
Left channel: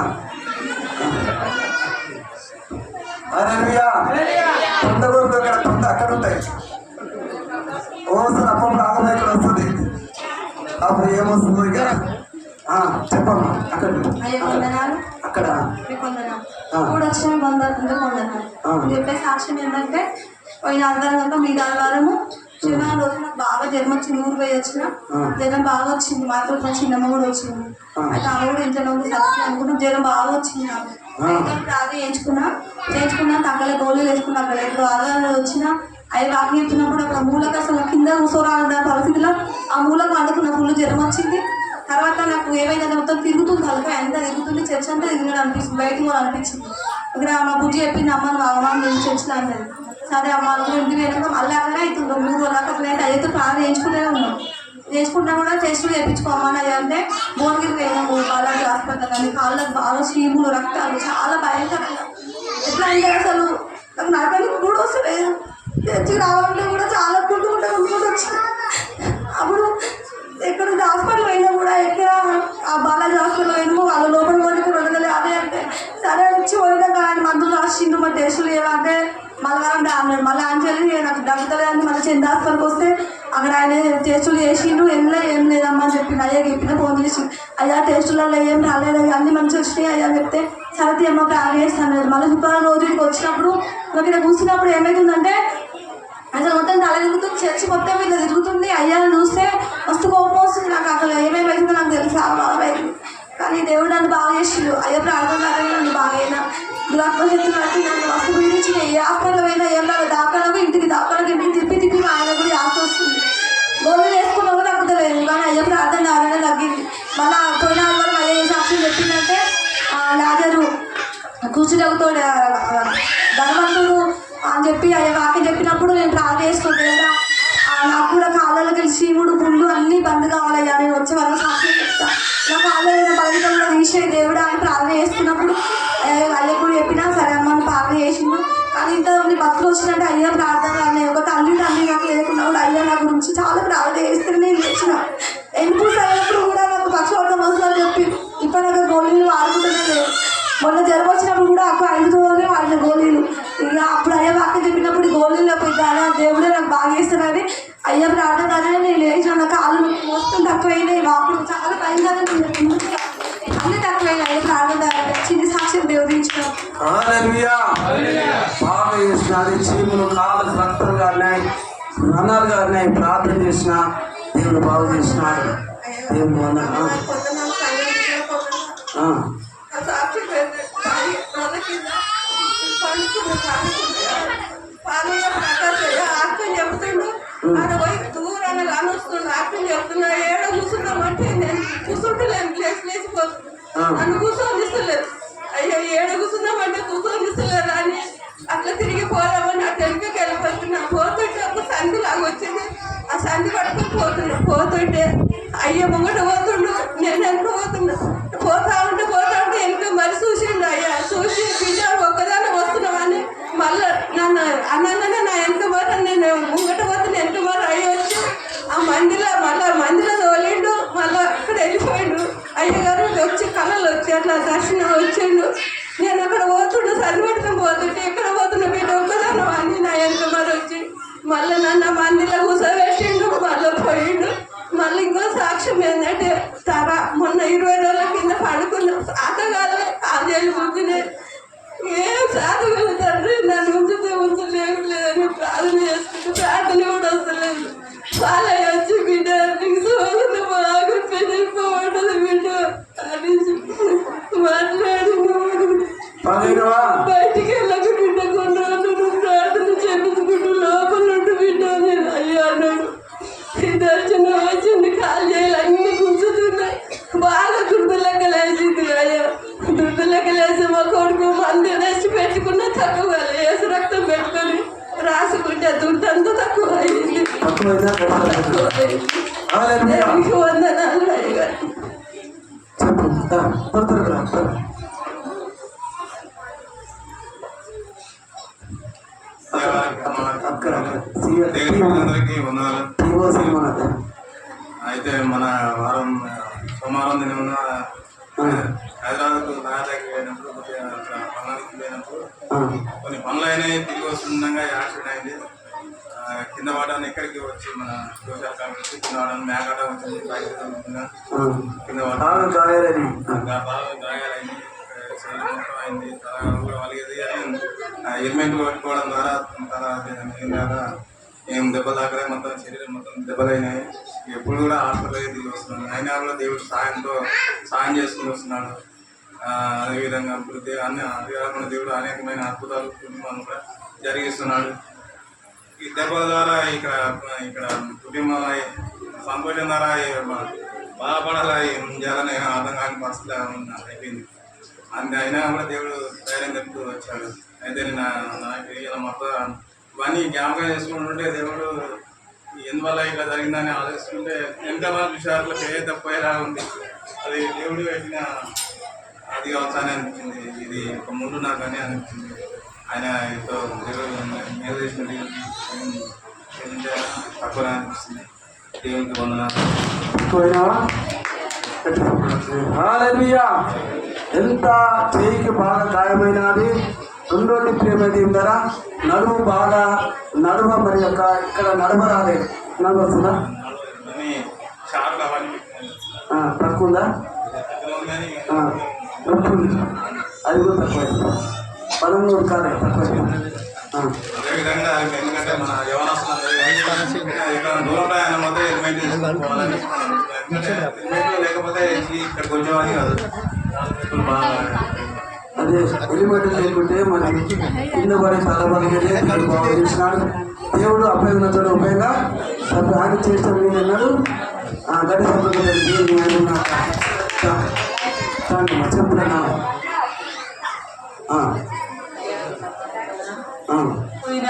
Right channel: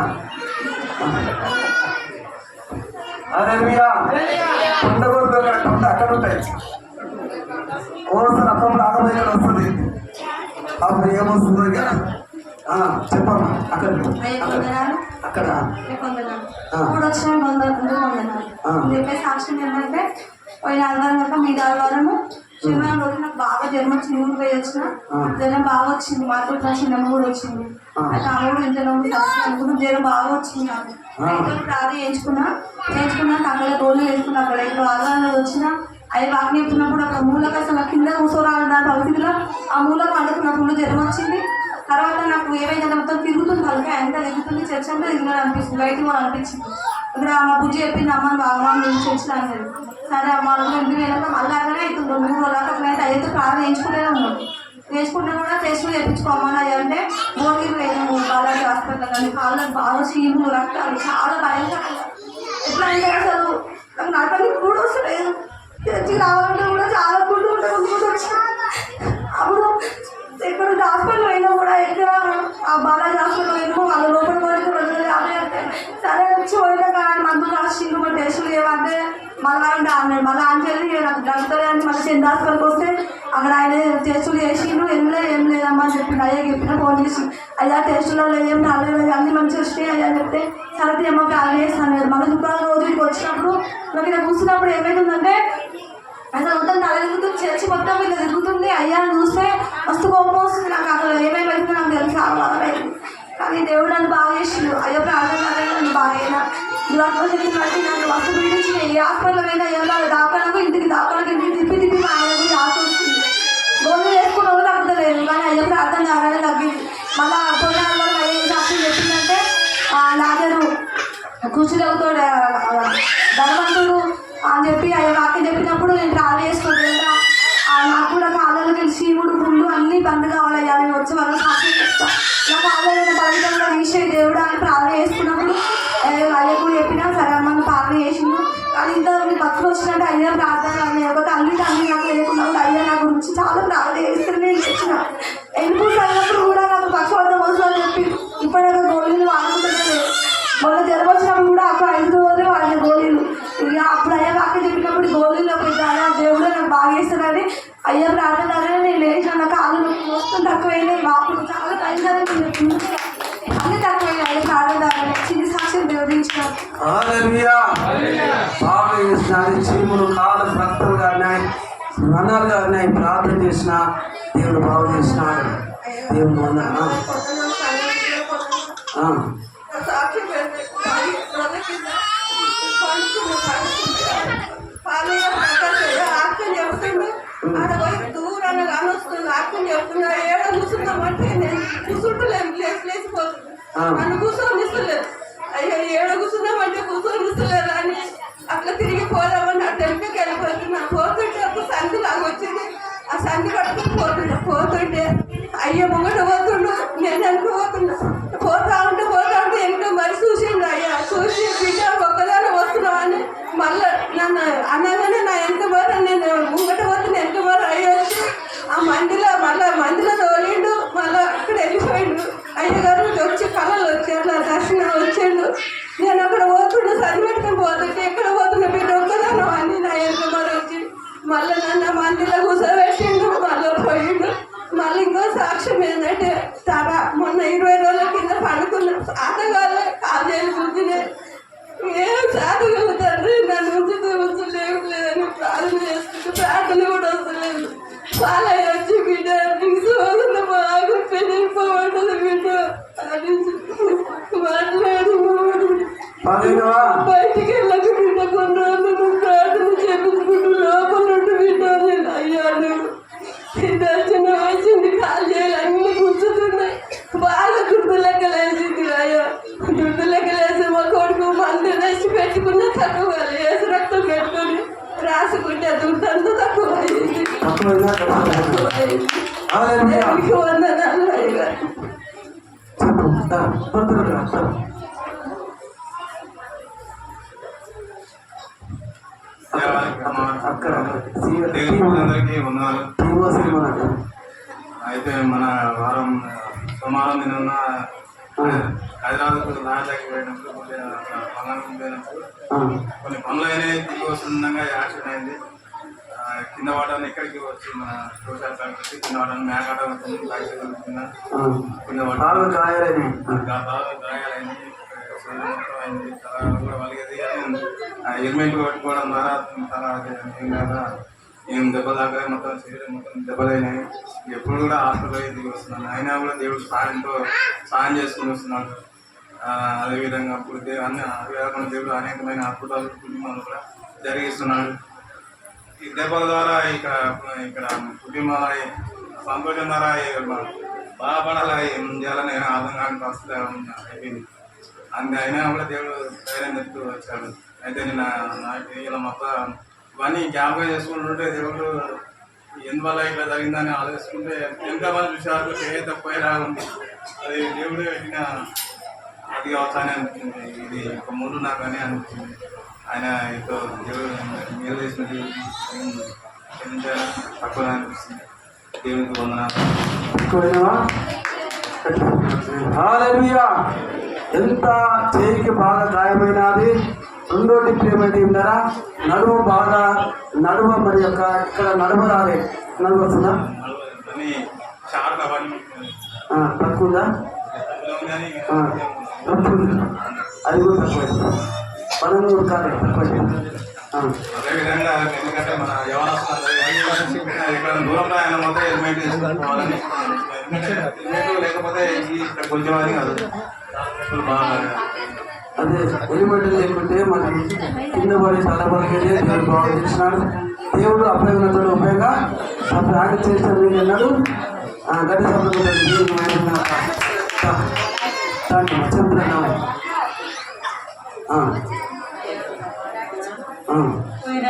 హల్లెలూయా. కొండ గొర్రెలు అక్కడ కొండ అక్కడ ఉంటాయి. ఓసారి అప్పుడు ఆగమ ఇక్కడ వస్తుంది, అప్పుడు ఏమొస్తుంది ఇక చెప్పమ్మా. అక్కడ అయ్యే కొందనాలు అక్కడ ఇప్పుడు వచ్చిన కొందనాలు చెప్పే సాక్ష్యం ఏంటంటే పోయిన ఆదివారం మీద ఆదివారము శనివారం రోజు నాకు బాగా జ్వరం వచ్చింది. ఊరు పోయి వచ్చిన జ్వరం బాగా వచ్చింది. మాతో మా చిన్నమ్మ కూడా వచ్చింది. అయితే ఆమె కూడా ఇంట్లో సత్యం అనుకుంటే జ్వరం బాగా వచ్చింది నాకు. అయితే ప్రార్థన చేయించుకున్నా తగ్గల గోళ్ళు వేసుకున్నా. అక్కడ ఇప్పుడు ఆదివారం రోజు వచ్చిన అవి వాకి చెప్తున్నప్పుడు అక్కడ మూలకు అసలు కింద కూర్చోరాలన్న పరిస్థితిలో ఆ మూలకు అందుకున్న ఫుల్ జ్వరం వచ్చింది. తర్వాత నాకు ఏమైనా మొత్తం తిరుగుతుంది, తలకాయ ఎంత తిరుగుతుంది, చర్చ్ అంతా తిరిగినాడు అనిపిస్తుంది, బయటకు కూడా అనిపించింది. ఇక్కడ మా బుజ్జి చెప్పింది, అమ్మ బాగా నేను చర్చిలో అన్నది. సరే అమ్మ ఇంటికి వెళ్ళాక మళ్ళీ అట్లనే అవుతుంది. 3 రోజులు అట్లా అయితే అయ్యేతో ప్రార్థన చేయించుకుంటూనే ఉన్నాం. చేసుకుంటా కూడా టెస్టులు చేయించుకోమని అంటే భోగికి పోయినాము బాలాజీ హాస్పిటల్. కానీ కాళ్ళకు బాగా చీములు, రక్తాలు చాలా భయంకరంగా. ఎట్లా అంటే అసలు నాకు నడవడానికి కూడా వస్తలేదు. చర్చికి రావాలంటే కూడా చాలా గుర్తు వచ్చి అప్పుడు ఎక్కడ హాస్పిటల్ అయినా కూడా ఎక్కడ ఆ బాలాజీ హాస్పిటల్ అయినా వాళ్ళ లోపల వరకు వెళ్ళలేదు. అదే అంటే సరే వచ్చి పోయినా కానీ మందులు రాసిండు, మరి టెస్టులు ఏమంటే మళ్ళీ అన్నాడు. మళ్ళీ ఆన్ చేయాలి నాకు దగ్గర అని మళ్ళీ చెంద హాస్పిటల్కి వస్తే అక్కడ ఆయన టెస్టులు చేసిండు. ఏం లేదమ్మా అని చెప్పిండు. అయ్యా చెప్పిన ఫోన్ చేసి అయ్యా టెస్టులలో ఏం రాలేదు, అన్నీ మంచిగా వచ్చినాయి అయ్యా చెప్తే సరే అమ్మ ప్రార్థన చేస్తాను. మళ్ళీ శుక్రవారం రోజుకి వచ్చినప్పుడు నాకు ఇక్కడ కూర్చున్నప్పుడు ఏమవుతుందంటే అసలు మొత్తం తల తిరుగుతుంది, చర్చి మొత్తం ఇట్లా తిరుగుతుంది. అయ్యాన్ని చూస్తే మస్తు కోపం వస్తుంది నాకు. అసలు ఏమేమైతుందో నాకు తెలిసి చాలా బాధమైంది. కానీ దేవుడు నన్ను బాగా చేసిండు. అయ్యో ప్రార్థన నన్ను బాగా దురాత్మశక్తి బట్టి నన్ను మస్తు పీడించిన. ఏ హాస్పిటల్ అయినా ఏం రాదు, దాకాలకు ఇంటికి తిప్పి మా ఆయన కూడా ఆశ వస్తుంది. గోళ్ళు వేసుకున్న కూడా తగ్గుతలేదు. కానీ అయ్యో ప్రార్థన నారాయణ తగ్గింది. మళ్ళీ పోయిన వరకు అయ్యే సాక్షి చెప్పిందంటే లాజరు కూర్చుంటాడు ధనవంతుడు అని చెప్పి అయ్యా వాక్యం చెప్పినప్పుడు నేను ప్రార్థన చేసుకుంటా. నాకు కూడా కాళ్ళకి చీముడు పుండు అన్నీ బంద్ కావాలి. నేను వచ్చే వాళ్ళ సాక్షి చెప్తా. నా కాళ్ళైన బలితం కూడా తీసే దేవుడు అని ప్రార్థన చేసుకున్నప్పుడు అయ్య కూడా చెప్పినా సరే అమ్మ ప్రార్థన చేసిండు. కానీ ఇంత భక్తులు వచ్చినట్టు అయ్యా ప్రార్థన ఒక తండ్రి నాకు లేకుండా కూడా అయ్యా నా గురించి చాలా ప్రార్థన చేస్తే నేను తెచ్చిన ఎన్నిపూస్ అయినప్పుడు కూడా నాకు పక్షవార్థం వస్తుందని చెప్పి ఇప్పటిదాకా గోళీలు వాడుకుంటూనే లేదు. మొన్న జ్వరం వచ్చినప్పుడు కూడా అక్కడ 5 రోజులే వాడిన గోళీలు. ఇక అప్పుడు అయ్యా వాక్యం చెప్పినప్పుడు గోళీలో పోయిద్దానే దేవుడే నాకు బాగా చేస్తానని అయ్యా ప్రార్థన నేను లేచిన నా కాళ్ళు మొత్తం తక్కువైనాయి. వాపులు చాలా భయంకరంగా అన్నీ తక్కువైనాయి. అయ్యా ప్రార్థన చిన్న సాక్ష్యం దేవుడించిన బాగా చేసిన చీములు కాళ్ళకు రక్తం గారినాయి, రణాలు గారినాయి. ప్రార్థన చేసిన దేవుడు బాగు చేసినాడు. దేవుడు సాక్షి ఆక్యం చెబుతుండు. ఆయన పోయి దూరాన్ని కానొస్తుండు. ఆక్యం చెబుతున్నా ఏడ కూర్చుందామంటే నేను కూర్చుంటలేను, లేచిపోతుంది. నన్ను కూర్చొని ఇస్తలేదు. అయ్యో ఏడ కూర్చుందామంటే కూర్చొని ఇస్తలేదు అని అట్లా తిరిగి పోదామని ఆ తెలుగుకి వెళ్ళిపోతున్నా. పోతుంటే ఒక సంధి లాగా వచ్చింది. ఆ సంధి కట్టుకుని పోతుంటే అయ్యో ముంగట పోతుండు, నేను వెనక పోతా ఉంటే వెనక మరి చూసిండు. అయ్యా చూసి బిడ్డ ఒక్కదాన్ని వస్తున్నామని మళ్ళీ నన్ను అనగానే నా వెనక మరి నేను ముంగట పోతే వెనక మరి అయ్యి వచ్చి ఆ మందిలో తోలిండు. మళ్ళీ అక్కడ వెళ్ళిపోయిండు. అయ్యగారు వచ్చి కళలు వచ్చి అట్లా దర్శనం వచ్చిండు. నేను అక్కడ పోతుండే సరిపెట్టుకుని పోతుంటే ఎక్కడ పోతున్నా బిడ్డ ఒక్కదాను అని నా వెనక మరి వచ్చి మళ్ళీ నన్ను మందిలో కూర్చోబెట్టిండు. మళ్ళీ పోయిండు. మళ్ళీ ఇంకో సాక్ష్యం ఏంటంటే మొన్న 20 రోజుల కింద పడుకున్నాం. ఆటగాళ్ళే కాజేలు గుంజినే ఏం సాధగలు తండ్రి నన్ను ఉంచలేదని ప్రార్థన చేసుకుంటూ ప్రార్థన కూడా వస్తలేదు. చాలా వచ్చి బిడ్డ నీకు సోదరు బాగా పెళ్ళిపోవడదు బిడ్డ అని మాట్లాడి బయటికి వెళ్ళక బిడ్డ కొన్ని రోజులు ప్రార్థన చేపించుకుంటూ లోపల ఉంటూ బిడ్డ నేను అయ్యా అన్నాడు. దర్శనం వచ్చింది, కాళ్ళు అన్ని గుంజుతున్నాయి, బాగా దుడ్డులెక్కలేసింది. అయ్యో దుడ్డులెక్కలేసి మా కొడుకు మందు రెస్ట్ పెట్టుకున్న తక్కువ వేసి రక్తం పెట్టుకొని రాసుకుంటే దుడ్డు అంతా తక్కువ అయింది. దేవునికి వందనాలు అయ్యా. అందరికీ వందనాలు. అయితే మన సోమవారం నిన్న హైదరాబాద్ నాయకు పోయినప్పుడు పనులకు పోయినప్పుడు కొన్ని పనులు అయినాయి. తిరిగి వస్తుండగా యాక్సిడెంట్ అయింది. కింద పడాలని ఇక్కడికి వచ్చి మన సోషల్ కాంగ్రెస్ కింద పడాలని మేకాట వచ్చింది. బైక్ కింద గాయాలైంది, మొత్తం అయింది. కూడా వాళ్ళకి హెల్మెట్ పెట్టుకోవడం ద్వారా ఏం దెబ్బలు తాకలే, మొత్తం శరీరం మొత్తం దెబ్బలైనాయి. ఎప్పుడు కూడా హాస్పిటల్ తిరిగి వస్తున్నాను. అయినా కూడా దేవుడు సాయం చేసుకుని వస్తున్నాడు. అదేవిధంగా అప్పుడు అదే కాకుండా దేవుడు అనేకమైన అద్భుతాలు కుటుంబాలు కూడా జరిగిస్తున్నాడు. ఈ దెబ్బల ద్వారా ఇక్కడ కుటుంబాల సంతోషం ద్వారా బాధపడాలి ఏం చేయాలని అర్థం కాని పరిస్థితి అయిపోయింది. అయినా కూడా దేవుడు ధైర్యం చెప్తూ వచ్చాడు. అయితే నాకు ఇలా మొత్తం ఇవన్నీ జ్ఞాపకం చేసుకుంటుంటే దేవుడు ఎందువల్ల ఇట్లా జరిగిందని ఆలోచిస్తుంటే ఎంతమంది విషయాలు తప్పేలా ఉంది. అది దేవుడు పెట్టిన అది అవసరాన్ని అనిపించింది. ఇది ఒక ముందు నాకు అని అనిపించింది. ఆయన ఎంతో దేవుడు మేలు చేసిన దేవుడికి తక్కువ అనిపిస్తుంది. దేవునికి వందనాలు. ఎంత చేయికి బాగా గాయమైనది. రెండోది ప్రేమైతే ఏంటారా, నడుము బాగా మరి యొక్క ఇక్కడ నడవరాలే, నడవస్తుందా తక్కువదా, అది కూడా తక్కువ, పనులు కాలే తక్కువ. అదేవిధంగా ఎందుకంటే మన యవనస్తులు దూరంలో ఆయన మొత్తం హెల్మెట్ తీసుకోవాలని, హెల్మెట్ లేకపోతే ఇక్కడ కొంచెం అని కాదు. అదే హెల్మెట్ లేకుంటే మనకి కింద పడి తలబడితే దేవుడు బాగా చేసినాడు. దేవుడు అభ్యర్థులతో ఉపయోగంగా ఆయన చేస్తాడు. నేను అన్నాడు గడ్డి సంబంధం చెప్తున్నా. పోయిన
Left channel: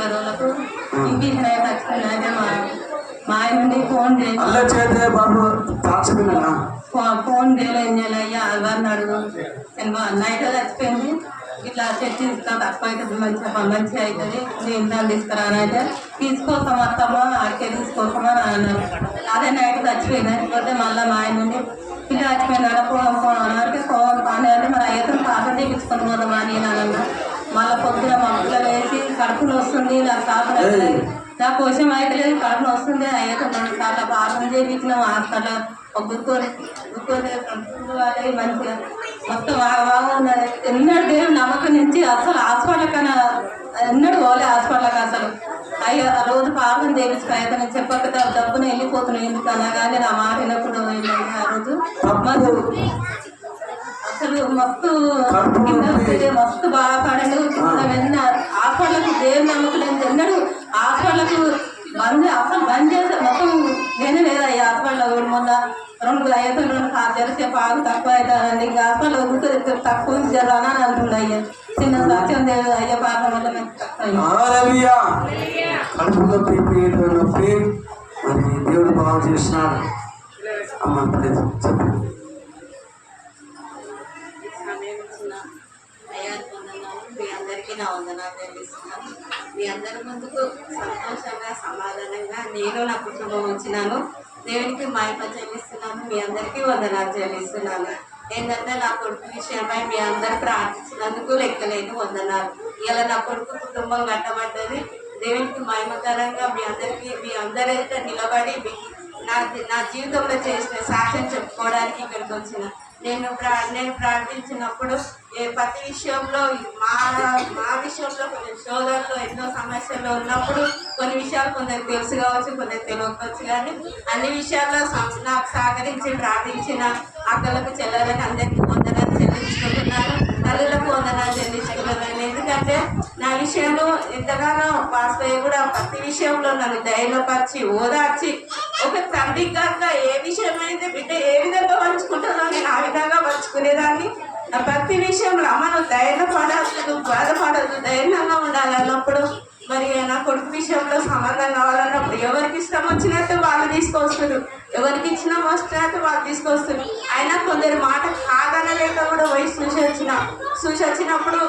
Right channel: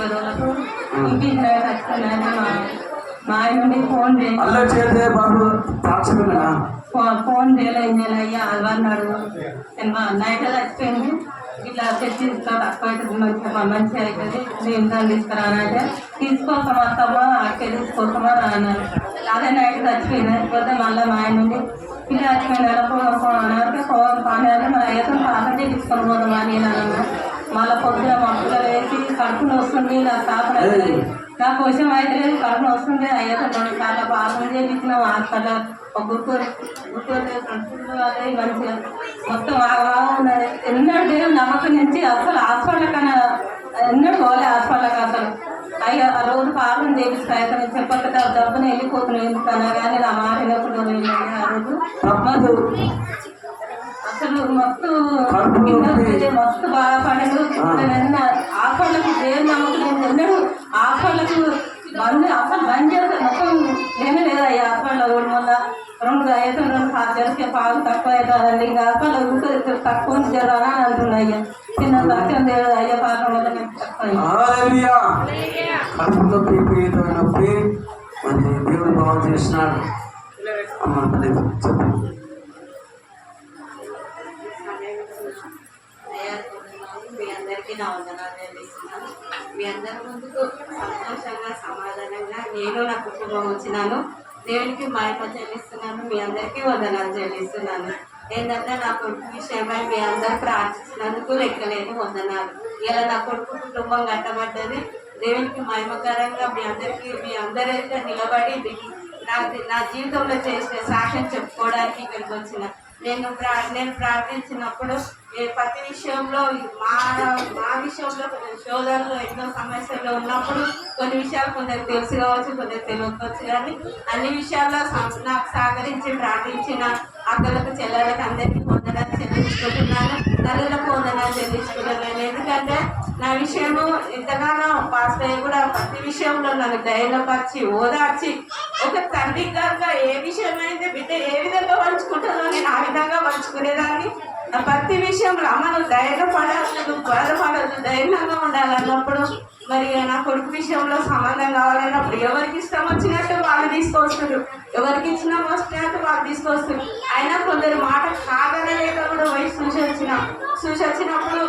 రోజులకు ఇంటికి కట్టుకున్నానే మా ఆయన ఫోన్ చేస్తే బాబు ఫోన్ చేయలేయ్యా అన్నాడు. నైట్ చచ్చిపోయింది, ఇట్లా తెచ్చి తక్కువ అవుతుంది, మంచిగా అవుతుంది, నేను దాన్ని తీసుకురానంటే తీసుకోకమా అత్తమ్మ అక్కే తీసుకోకమా అన్నారు. అదే నైట్ చచ్చిపోయింది. అయిపోతే మళ్ళీ మా ఆయన నుండి పిల్ల చచ్చిపోయినా అంటే పని అంటే మన అయ్యతో కాపం చేయించుకొని పోదామా అని అన్నా. మళ్ళీ పొద్దున మమ్మల్ని వేసి కడుపులో వస్తుంది, నాకు కాపలేదు, నాకు కోసం అయితే లేదు, కడుపులో వస్తుంది. అయ్యతో 2 సార్లు పాపం చేయించినాం. హాస్పిటల్ గుర్తు అదే మంచిగా మొత్తం బాగున్నది. ఎన్నడూ దేవుడు నమ్మకం నుంచి అసలు హాస్పిటల్ కన్నా ఎన్నడూ పోలే హాస్పిటల్కి. అసలు అయ్యో ఆ రోజు ప్రార్థన చేయించుకో అయితే నేను చెప్పక డబ్బున వెళ్ళిపోతున్నాను ఎందుకన్నా కానీ నా మాట వినప్పుడు ఆ రోజు అసలు మస్తు బాధపడదు. హాస్పిటల్కి దేవుడు నమ్మకం ఎన్నడూ హాస్పిటల్కి బంద్ చేస్తారు మొత్తం. నేనే లేదా ఈ హాస్పిటల్లో మొన్న 2 జరిసే బాగా తక్కువ అవుతానండి. ఇంకా హాస్పిటల్లో తక్కువ జరానా అని అంటుండే. అయ్యా చిన్న సత్యం లేదు అయ్యా పాలన వల్ల మేము దేవుడు బాగా చేసినాడు. అమ్మ చెప్పండి. మీ అందరికీ నా వందనాలు చెల్లిస్తున్నాను. మీ అందరి ముందుకు సంతోషంగా సమాధానంగా నేను నా కుటుంబం వచ్చినాను. దేవునికి మహిమ చెల్లిస్తున్నాను. మీ అందరికీ వందనాలు చెల్లిస్తున్నాను. ఏంటంటే నా కొడుకు విషయమై మీ అందరు ప్రార్థించినందుకు లెక్కలేని వందనాలు. ఇలా నా కొడుకు కుటుంబం కట్టబడ్డది. దేవునికి మహిమకరంగా మీ అందరైతే నిలబడి నా జీవితంలో చేసిన సాక్ష్యం చెప్పుకోవడానికి ఇక్కడికి వచ్చిన నేను ప్రార్థించినప్పుడు ప్రతి విషయంలో మా విషయంలో కొన్ని సోదరులు ఎన్నో సమస్యల్లో ఉన్నప్పుడు కొన్ని విషయాలు కొందరు తెలుసు కావచ్చు, కొందరు తెలియకపోవచ్చు, కానీ అన్ని విషయాల్లో నాకు సహకరించి ప్రార్థించిన అక్కలకు చెల్లెలకు అందరికీ వందనాలు చెల్లించుకుంటున్నాను. తల్లులకు వందనాలు చెల్లించుకుంటున్నాను. ఎందుకంటే నా విషయము ఎంతగానో పాస్టర్ కూడా ప్రతి విషయంలో నన్ను ధైర్యపరిచి ఓదార్చి ఒక తండ్రి కాక ఏ విషయమైతే బిడ్డ ఏ విధంగా పంచుకుంటుందో నేను ఆ విధంగా పంచుకునేదాన్ని. ప్రతి విషయంలో అమ్మ నువ్వు ధైర్యపడద్దు, బాధపడద్దు, ధైర్యంగా ఉండాలన్నప్పుడు మరి నా కొడుకు విషయంలో సంబంధం కావాలన్నప్పుడు ఎవరికి ఇష్టం వచ్చినట్టు వాళ్ళు తీసుకొస్తారు, ఎవరికి ఇచ్చిన వచ్చినట్టు వాళ్ళు తీసుకొస్తారు. అయినా కొందరు మాట కాదనలేక కూడా పోయి చూసి వచ్చినప్పుడు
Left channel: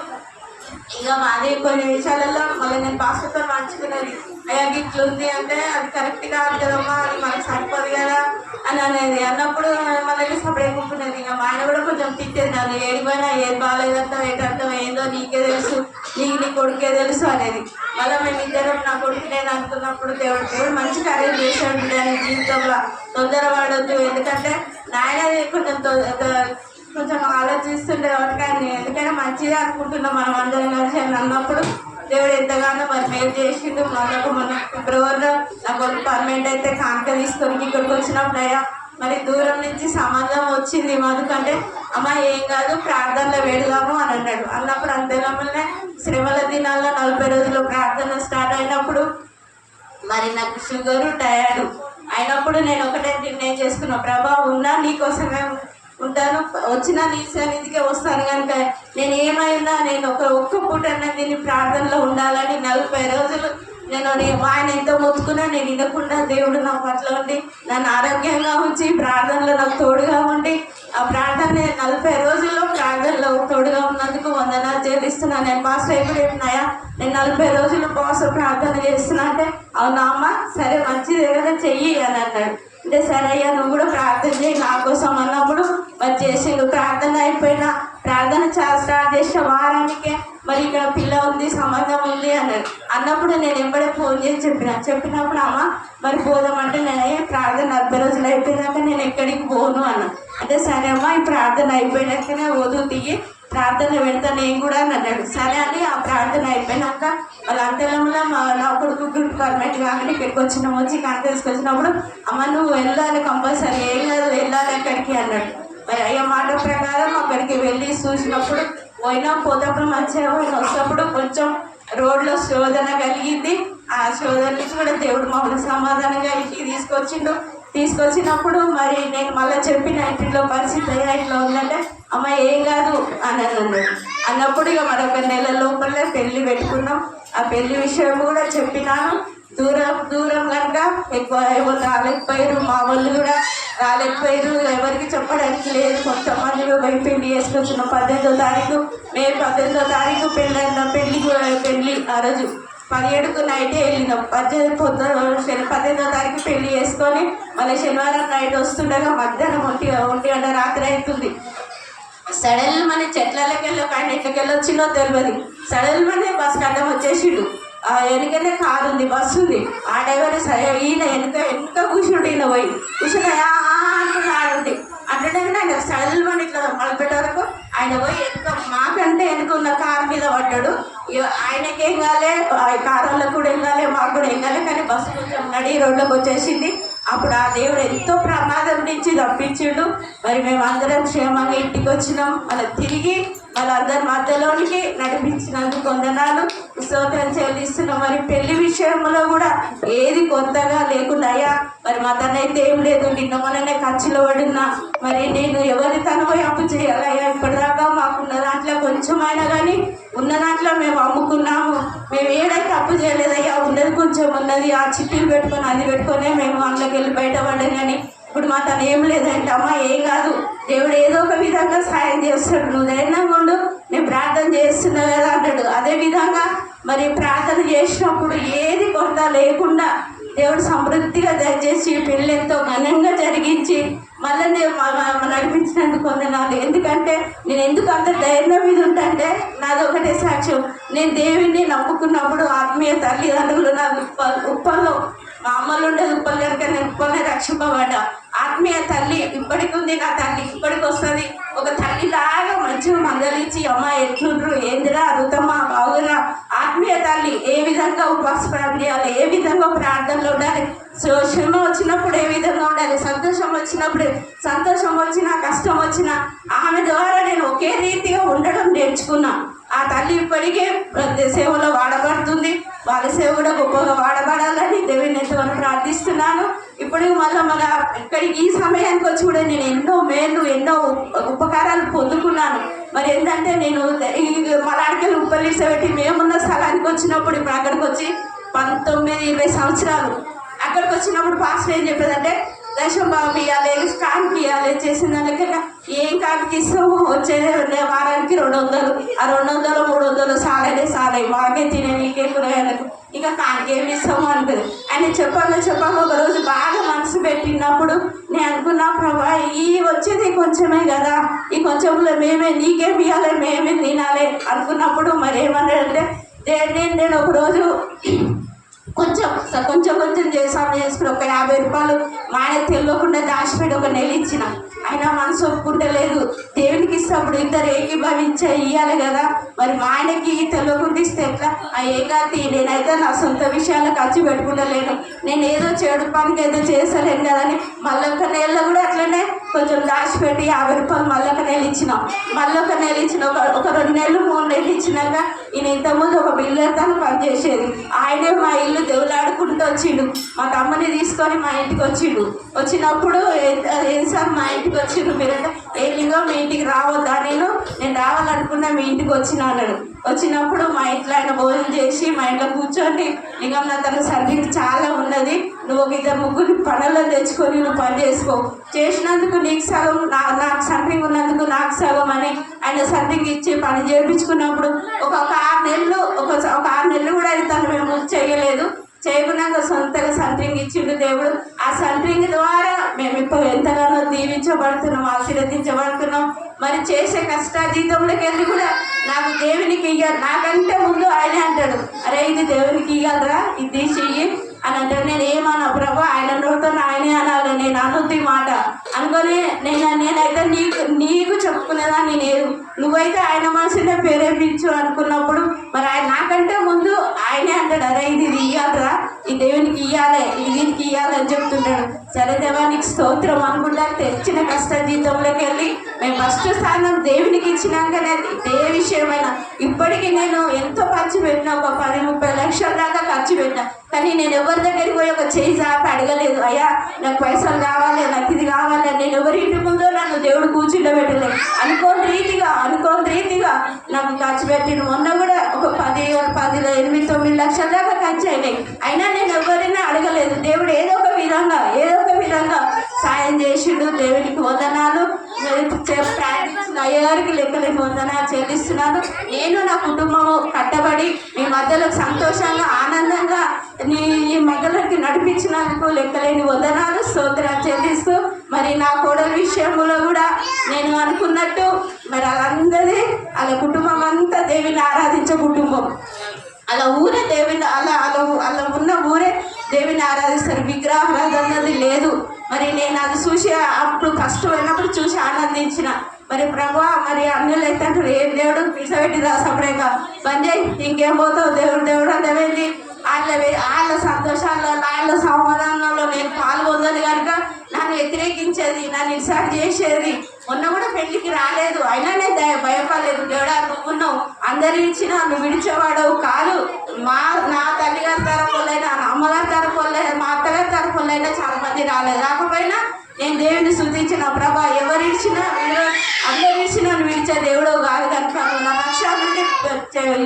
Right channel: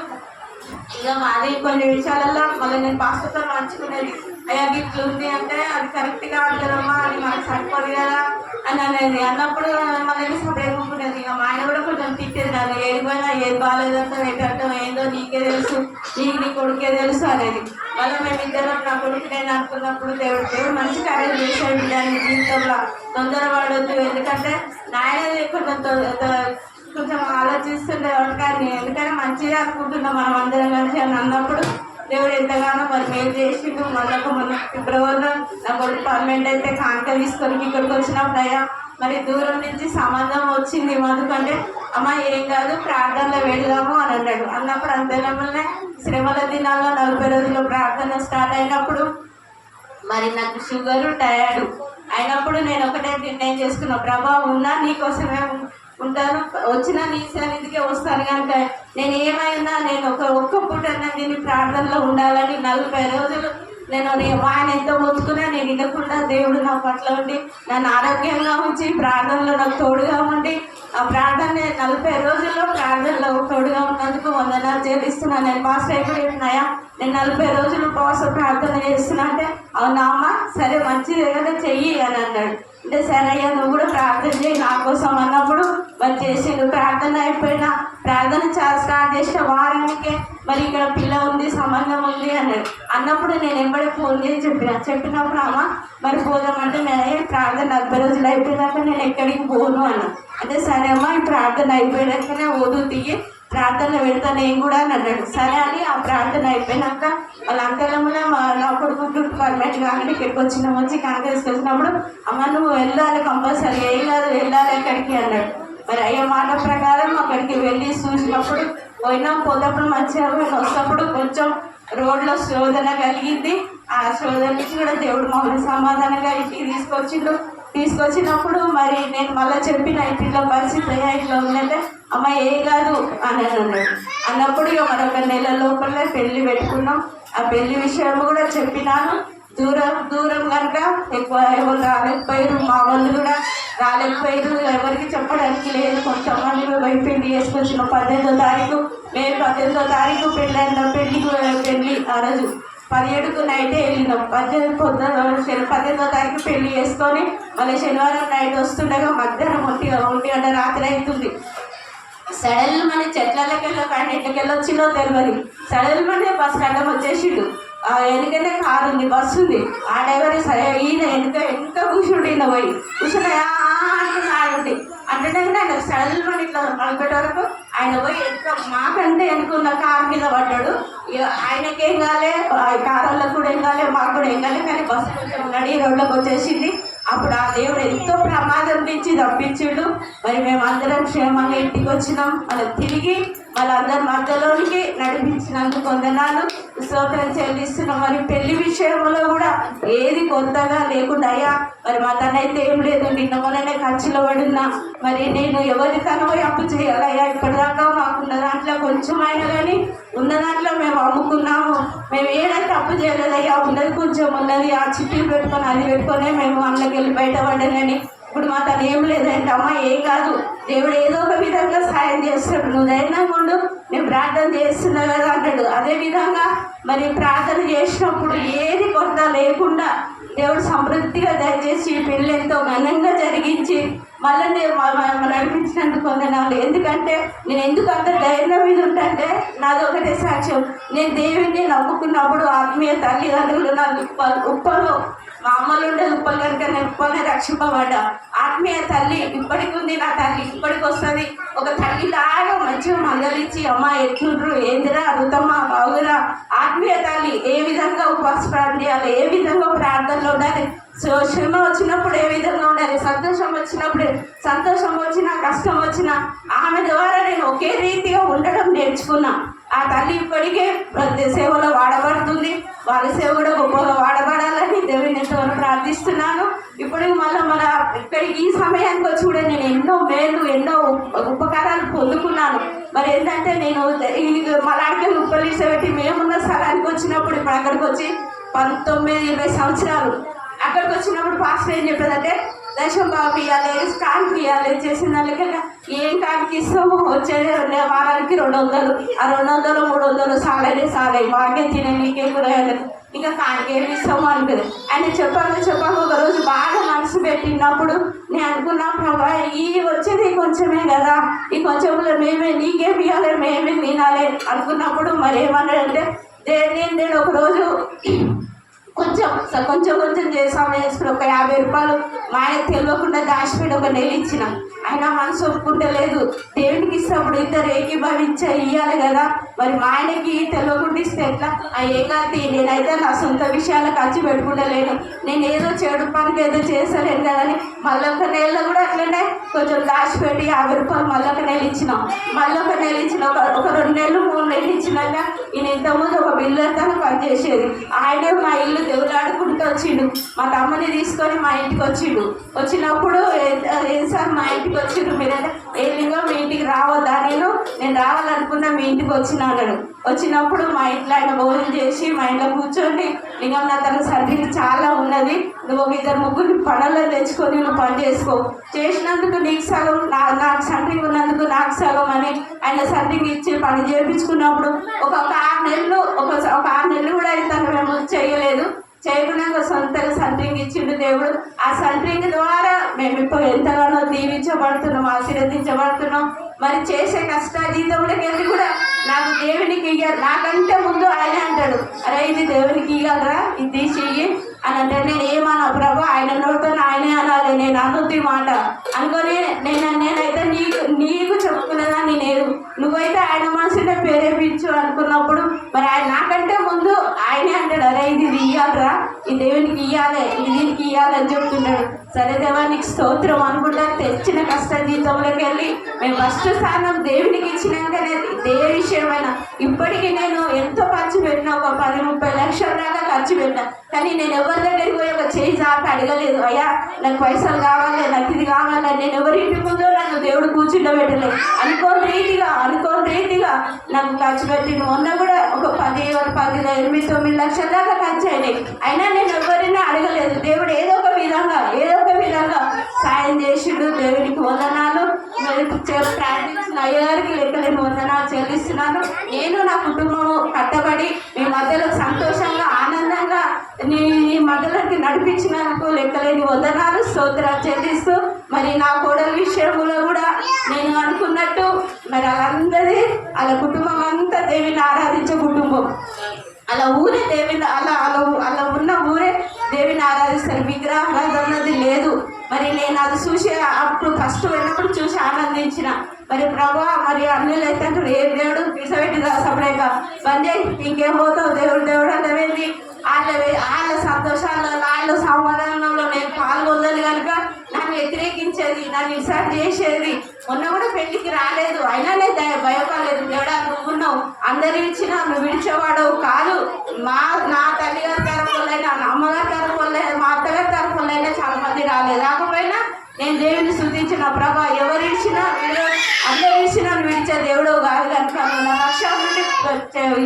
ఇక మాది కొన్ని విషయాలలో మళ్ళీ నేను పాస్టర్తో పంచుకునేది. అయ్యా గిట్లు ఉంది అంటే అది కరెక్ట్ కాదు కదమ్మా, అది మనకు సరిపోదు కదా అని అనేది. అన్నప్పుడు మళ్ళీ సపరేట్ ఉంటున్నది. ఇక మా ఆయన కూడా కొంచెం తిట్టేది, దాన్ని ఏడిపోయినా ఏది బాగాలేదంతా వేటంతం ఏందో నీకే తెలుసు, నీ కొడుకే తెలుసు అనేది. మళ్ళీ మేము ఇద్దరు నా కొడుకు నేను అనుకున్నప్పుడు దేవుడు మంచి కార్యం చేశాడు ఆయన జీవితంలో. తొందరపడద్దు, ఎందుకంటే నాయన కొంచెం ఆలోచిస్తుండే కానీ ఎందుకంటే మంచిగా అనుకుంటున్నాం మనం అందరం కలిసి అని అన్నప్పుడు దేవుడు ఎంతగానో మరి మేము చేసిండు. మన ఫిబ్రవరిలో నా కొడుకు పర్మనెంట్ అయితే కాంక తీసుకొని ఇక్కడికి వచ్చినప్పుడు అయ్యా మరి దూరం నుంచి సంబంధం వచ్చింది ఎందుకంటే అమ్మ ఏం కాదు ప్రార్థనలో వేడుగాము అని అన్నాడు. అన్నప్పుడు అంతేనమ్మనే శ్రమల దినాల్లో 40 రోజులు ప్రార్థన స్టార్ట్ అయినప్పుడు మరి నాకు షుగరు టైర్డ్ అయినప్పుడు నేను ఒకటే నిర్ణయం చేసుకున్నా, ప్రభా ఉన్నా నీకోసమే ఉంటాను, వచ్చిన నీ సన్నిధికే వస్తాను కనుక నేను ఏమైనా నేను ఒక్క పూట దీన్ని ప్రార్థనలో ఉండాలని 40 రోజులు నేను ఆయన ఎంతో మొత్తుకున్నా నేను వినకుండా దేవుడు నా పట్ల ఉండి నన్ను ఆరోగ్యంగా ఉంచి ప్రార్థనలో నాకు తోడుగా ఉండి ఆ ప్రార్థన 40 రోజుల్లో ప్రార్థనలో తోడుగా ఉన్నందుకు వందనాలు చెల్లిస్తున్నాను. నేను మాస్టర్ ఎప్పుడు చెప్పినాయా నేను 40 రోజులు ఉపవాసం ప్రార్థన చేస్తున్నా అంటే అవునా అమ్మ సరే మంచిది ఏదో చెయ్యి అని అన్నాడు. అంటే సరే అయ్యా నువ్వు కూడా ప్రార్థన చేయి నా కోసం అన్నప్పుడు మరి చేసిండు. ప్రార్థన అయిపోయినా ప్రార్థన స్టార్ట్ చేసిన వారానికే మరి ఇక్కడ పిల్ల ఉంది సంబంధం ఉంది అన్నాడు. అన్నప్పుడు నేను ఎంబడే ఫోన్ చేసి చెప్పినప్పుడు అమ్మ మరి పోదామంటే నేను ప్రార్థన 40 రోజులు అయిపోయినాక నేను ఎక్కడికి పోను అన్నా. అంటే సరే అమ్మ ఈ ప్రార్థన అయిపోయినాకనే వదులు దిగి ప్రార్థన పెడతా నేను కూడా అని అన్నాడు. సరే అని ఆ ప్రార్థన అయిపోయినాక వాళ్ళంతలోనే నా కొడుకు పర్మనెంట్ కానీ ఇక్కడికి వచ్చి కాంగ్రెస్కి వచ్చినప్పుడు అమ్మ నువ్వు వెళ్ళాలి కంపల్సరీ ఏం కాదు వెళ్ళాలి ఎక్కడికి అన్నాడు. మరి అయ్యే మాట ప్రకారం అక్కడికి వెళ్ళి చూసినప్పుడు పోతప్పుడు మంచిగా వస్తప్పుడు కొంచెం రోడ్లో శోధన కలిగింది. ఆ శోధన నుంచి కూడా దేవుడు మమ్మల్ని సమాధానంగా ఇంటికి తీసుకొచ్చినప్పుడు మరి నేను మళ్ళీ చెప్పిన ఇంటిలో పరిస్థితి ఇట్లా ఉందంటే అమ్మ ఏం కాదు అని అన్నప్పుడు ఇక మరొక నెల లోపలే పెళ్లి పెట్టుకున్నాం. ఆ పెళ్లి విషయం కూడా చెప్పినాను. దూరం కనుక ఎక్కువ ఎవరు రాలేకపోయారు, మా వాళ్ళు కూడా రాలేకపోయారు, ఎవరికి చెప్పడానికి లేదు. కొంతమంది పెళ్లి చేసుకొచ్చిన 18వ తారీఖు నేను 18వ తారీఖు పెళ్లి ఆ రోజు 17కు నైటే వెళ్ళినాం. 18వ తారీఖు పెళ్లి చేసుకొని మళ్ళీ శనివారం నైట్ వస్తుండగా మధ్యాహ్నం 1 గంట రాత్రి అవుతుంది. సడల్ మన చెట్లకి వెళ్ళకండి ఎట్లకి వెళ్ళొచ్చిందో తెలియదు. సడల్ మన బస్ అడ్డం వచ్చేసిండు. ఎందుకంటే కారు ఉంది బస్సు ఉంది. ఆ డ్రైవర్ ఈయన ఎంత కూర్చుండు, ఈయన పోయి కూర్చున్నాయా అంటున్నాడు. అంటే ఆయన సడల్ మన ఇట్లా మలపెట్టే వరకు ఆయన పోయి మాకంటే వెనుకున్న కారు మీద పడ్డాడు. ఆయనకేం కాలే, కారుల్లో కూడా ఏం కాలే, మాకు కూడా ఏం కాలే. కానీ బస్సు కొంచెం నడి రోడ్లోకి వచ్చేసింది. అప్పుడు ఆ దేవుడు ఎంతో ప్రమాదం నుంచి తప్పించిండు. మరి మేము అందరం క్షేమంగా ఇంటికి వచ్చినాం. మళ్ళీ తిరిగి వాళ్ళందరి మధ్యలోనికి నడిపించినందుకు వందనాలు స్తోత్రం చెల్లిస్తున్నాం. మరి పెళ్లి విషయంలో కూడా ఏది కొత్తగా లేకుండా అయ్యా మరి మా తనైతే ఏం లేదు, నిన్న మొన్ననే ఖర్చులో పడినా మరి నేను ఎవరి తను పోయి అప్పు చేయాలయ్యా. ఇప్పటిదాకా మాకున్న దాంట్లో కొంచెమైనా కానీ ఉన్న దాంట్లో మేము అమ్ముకున్నాము. మేము ఏదైతే అప్పు చేయలేదయ్యా, ఉన్నది కొంచెం ఉన్నది. ఆ చిట్టీలు పెట్టుకొని అది పెట్టుకొని మేము అందులోకి వెళ్ళి బయటపడ్డాను. కానీ ఇప్పుడు మా తను ఏం లేదంటే అమ్మ ఏం కాదు, దేవుడు ఏదో ఒక విధంగా సాయం చేస్తాడు, నువ్వు ధైర్యంగా ఉండు, నేను ప్రార్థన చేస్తున్నా కదా అన్నాడు. అదేవిధంగా మరి ప్రార్థన చేసినప్పుడు ఏది కొరత లేకుండా దేవుడు సమృద్ధిగా దయచేసి పెళ్ళి ఎంతో ఘనంగా జరిగించి మళ్ళీ నేను నడిపించినందుకు వందనాలు. ఎందుకంటే నేను ఎందుకు అంత ధైర్యం మీద ఉంటే నాది ఒకటే సాక్ష్యం. నేను దేవుడిని నమ్ముకున్నప్పుడు ఆత్మీయ తల్లిదండ్రులు నా ఉప్పల్లో మా అమ్మలు ఉండేది ఉప్పలు కనుక నేను ఉప్పలనే రక్షింపబడ్డా. ఆత్మీయ తల్లి ఇప్పటికి ఉంది, నా తల్లి ఇప్పటికి వస్తుంది. ఒక తల్లిలాగా మంచిగా మందలించి అమ్మ ఎట్లుండ్రు ఏందిరా అడుగుతమ్మా బాగురా. ఆత్మీయ తల్లి ఏ విధంగా ఉపవాస ప్రార్థన చేయాలి, ఏ విధంగా ప్రార్థనలో ఉండాలి, శ్రమ వచ్చినప్పుడు ఏ విధంగా ఉండాలి, సంతోషం వచ్చినప్పుడు సంతోషం వచ్చినా కష్టం వచ్చినా ఆమె ద్వారా నేను ఒకే రీతిగా ఉండడం నేర్చుకున్నా. ఆ తల్లి ఇప్పటికే సేవలో వాడబడుతుంది. వాళ్ళ సేవ కూడా గొప్పగా వాడబడాలని దేవుని ఎంతగానో ప్రార్థిస్తున్నాను. ఇప్పటికి మళ్ళీ మన ఇక్కడికి ఈ సమయానికి వచ్చి కూడా నేను ఎన్నో మేలు ఎన్నో ఉపకారాలు పొందుకున్నాను. మరి ఏంటంటే నేను ఈ మలాడికల్ ఉప్పల్లిస పెట్టి మేమున్న స్థలానికి వచ్చినప్పుడు ఇప్పుడు అక్కడికి వచ్చి 19-20 సంవత్సరాలు అక్కడికి వచ్చినప్పుడు పాస్టర్ ఏం చెప్పేదంటే దశం బాబు ఇవ్వాలి, స్టాంప్ ఇవ్వాలి, చేసిన దానికి ఏం కాడికి ఇస్తామో వచ్చే వారానికి 200, ఆ 200 300 సాలే మాకే తినే నీకే కూరగాయలకు ఇంకా కాడికి ఏమి ఇస్తామో అనుకుంది. ఆయన చెప్పాము ఒకరోజు బాగా మనసు పెట్టినప్పుడు నేను అనుకున్నా ప్రభా ఈ వచ్చేది కొంచెమే కదా, ఈ కొంచెంలో మేమే నీకేమి ఇవ్వాలి మేమే తినాలి అనుకున్నప్పుడు మరి ఏమన్నాడంటే నేను ఒకరోజు కొంచెం చేసాము చేసుకుని ఒక 50 రూపాయలు మా ఆయన తెలియకుండా దాచిపెట్టి ఒక నెల ఇచ్చిన. ఆయన మనసు ఒప్పుకుంటలేదు. దేవునికి ఇచ్చినప్పుడు ఇద్దరు ఏకీభవించే ఇవ్వాలి కదా, మరి మా ఆయనకి తెలియకుండా ఇస్తే ఎట్లా? ఆ ఏకాంతి నేనైతే నా సొంత విషయాలు ఖర్చు పెట్టుకుంటలేను, నేను ఏదో చెడు పనికి ఏదో చేస్తలేను కదని మళ్ళొక నెలలో కూడా అట్లనే కొంచెం దాచిపెట్టి 50 రూపాయలు మళ్ళొక నెల ఇచ్చినాం. మళ్ళొక నెల ఇచ్చిన ఒక 2 నెలలు 3 నెలలు ఇచ్చినాక ఈయన ఇంతకుముందు ఒక బిల్డర్తో పనిచేసేది. ఆయనే మా ఇల్లు దేవులాడుకుంటూ వచ్చిండు. మా తమ్మని తీసుకొని మా ఇంటికి వచ్చినప్పుడు ఏం సార్ మా ఇంటికి వచ్చిండు మీరంటే ఏ లింగం మీ ఇంటికి రావద్దా, నేను రావాలనుకున్నా మీ ఇంటికి వచ్చిన అన్నాడు. వచ్చినప్పుడు మా ఇంట్లో ఆయన భోజనం చేసి మా ఇంట్లో కూర్చోండి లింగం నా తన సర్వీస్ చాలా ఉన్నది, నువ్వు 2-3 పనుల్లో తెచ్చుకొని నువ్వు పని చేసుకో, చేసినందుకు నీకు సగం నాకు సంట్రింగ్ ఉన్నందుకు నాకు సగం అని ఆయన సంట్రింగ్ ఇచ్చి పని చేయించుకున్నప్పుడు ఒక 6 నెలలు ఒక 6 నెలలు కూడా తను మేము చేయలేదు. చేయకున్నాక సొంతగా సంట్రింగ్ ఇచ్చిండు దేవుడు. ఆ సంట్రింగ్ ద్వారా మేము ఇప్పుడు ఎంతగానో దీవించబడుతున్నాం, ఆశీర్వదించబడుతున్నాం. మరి చేసే కష్టాజీతంలోకి వెళ్ళి కూడా నాకు దేవునికి ఇయ్యాలి, నాకంటే ముందు ఆయన అంటాడు అరే ఇది దేవునికి ఇయ్యాలరా ఇది తీసి అని అంటాడు. నేను ఏమన్నా ప్రభా ఆయన నోటితో ఆయనే అనాలి, నేను అనుద్ది మాట అనుకొని నేనైతే నీకు చెప్పుకునేదాన్ని నేను, నువ్వైతే ఆయన మనసునే ప్రేరేపించు అనుకున్నప్పుడు మరి ఆయన నాకంటే ముందు ఆయనే అంటాడు అరే ఇది ఇయ్యాలరా, ఈ దేవునికి ఇయ్యాలి, ఇది దీనికి ఇయ్యాలి అని చెప్తున్నాడు. సరే దేవా నీకు స్తోత్రం అనుకుంటా తెచ్చిన కష్ట జీవితంలోకి వెళ్ళి మేము ఫస్ట్ స్థానం దేవునికి ఇచ్చినాకనే ఏ విషయమైనా ఇప్పటికీ నేను ఎంతో ఖర్చు పెట్టినా, ఒక 10-30 లక్షల దాకా ఖర్చు పెట్టినా, కానీ నేను ఎవరి దగ్గరికి పోయి ఒక చేయి చాపి అడగలేదు అయ్యా నాకు పైసలు కావాలి, నాకు ఇది కావాలి. నేను ఎవరి ఇంటి ముందో నన్ను దేవుడు కూర్చుండబెట్టలేదు. అనుకోని రీతిగా నాకు ఖర్చు పెట్టిన మొన్న కూడా ఒక 8-9 లక్షల దాకా ఖర్చు అయినాయి. అయినా నేను ఎవరైనా అడగలేదు. దేవుడు ఏదో ఒక విధంగా సాయం చేసిండు. దేవునికి వందనాలు. ప్రార్థించిన అయ్యగారికి లెక్కలేని వందనాలు చెల్లిస్తున్నాను. నేను నా కుటుంబము కట్టబడి మీ మధ్యలో సంతోషంగా ఆనందంగా నీ మధ్యలోకి నడిపించినందుకు లెక్కలేని వందనాలు స్తోత్రాలు చెల్లిస్తూ మరి నా కోడల విషయంలో కూడా నేను అనుకున్నట్టు మరి వాళ్ళందరి వాళ్ళ కుటుంబం అంతా దేవుని ఆరాధించే కుటుంబం. అలా ఊరే దేవుని అలా ఉన్న ఊరే దేవుని ఆరాధిస్తారు. విగ్రహారాధన అన్నది లేదు. మరి నేను అది చూసి అప్పుడు కష్టమైనప్పుడు చూసి ఆనందించిన. మరి ప్రభా మరి అన్యులు అయితే అంటారు ఏ దేవుడు పిలిచబెట్టి రాసపడేక బంద్ చేయి ఇంకేం పోతావు దేవుడు అంటే వెళ్ళి వాళ్ళ సంతోషాల్లో వాళ్ళ సమాధానంలో నేను పాల్గొందని కనుక నన్ను వ్యతిరేకించేది, నన్ను ఇన్సల్ట్ చేసేది. మొన్న కూడా పెళ్లికి రాలేదు, అయినా నేను భయపడలేదు. దేవుడా నువ్వున్నావు, అందరు ఇచ్చినా నువ్వు విడిచేవాడవు కాదు. నా తల్లిగారి తరపులైనా నా అమ్మగారి తరపులైనా మా అత్తగారి తరపులైనా చాలా మంది రాలేదు. రాకపోయినా నేను దేవుని స్తుతించిన ప్రభా ఎవరు ఇచ్చినా అందరు ఇచ్చినా నువ్వు ఇచ్చే దేవుడు కాదు కనుక నువ్వు నా పక్షాల నుండి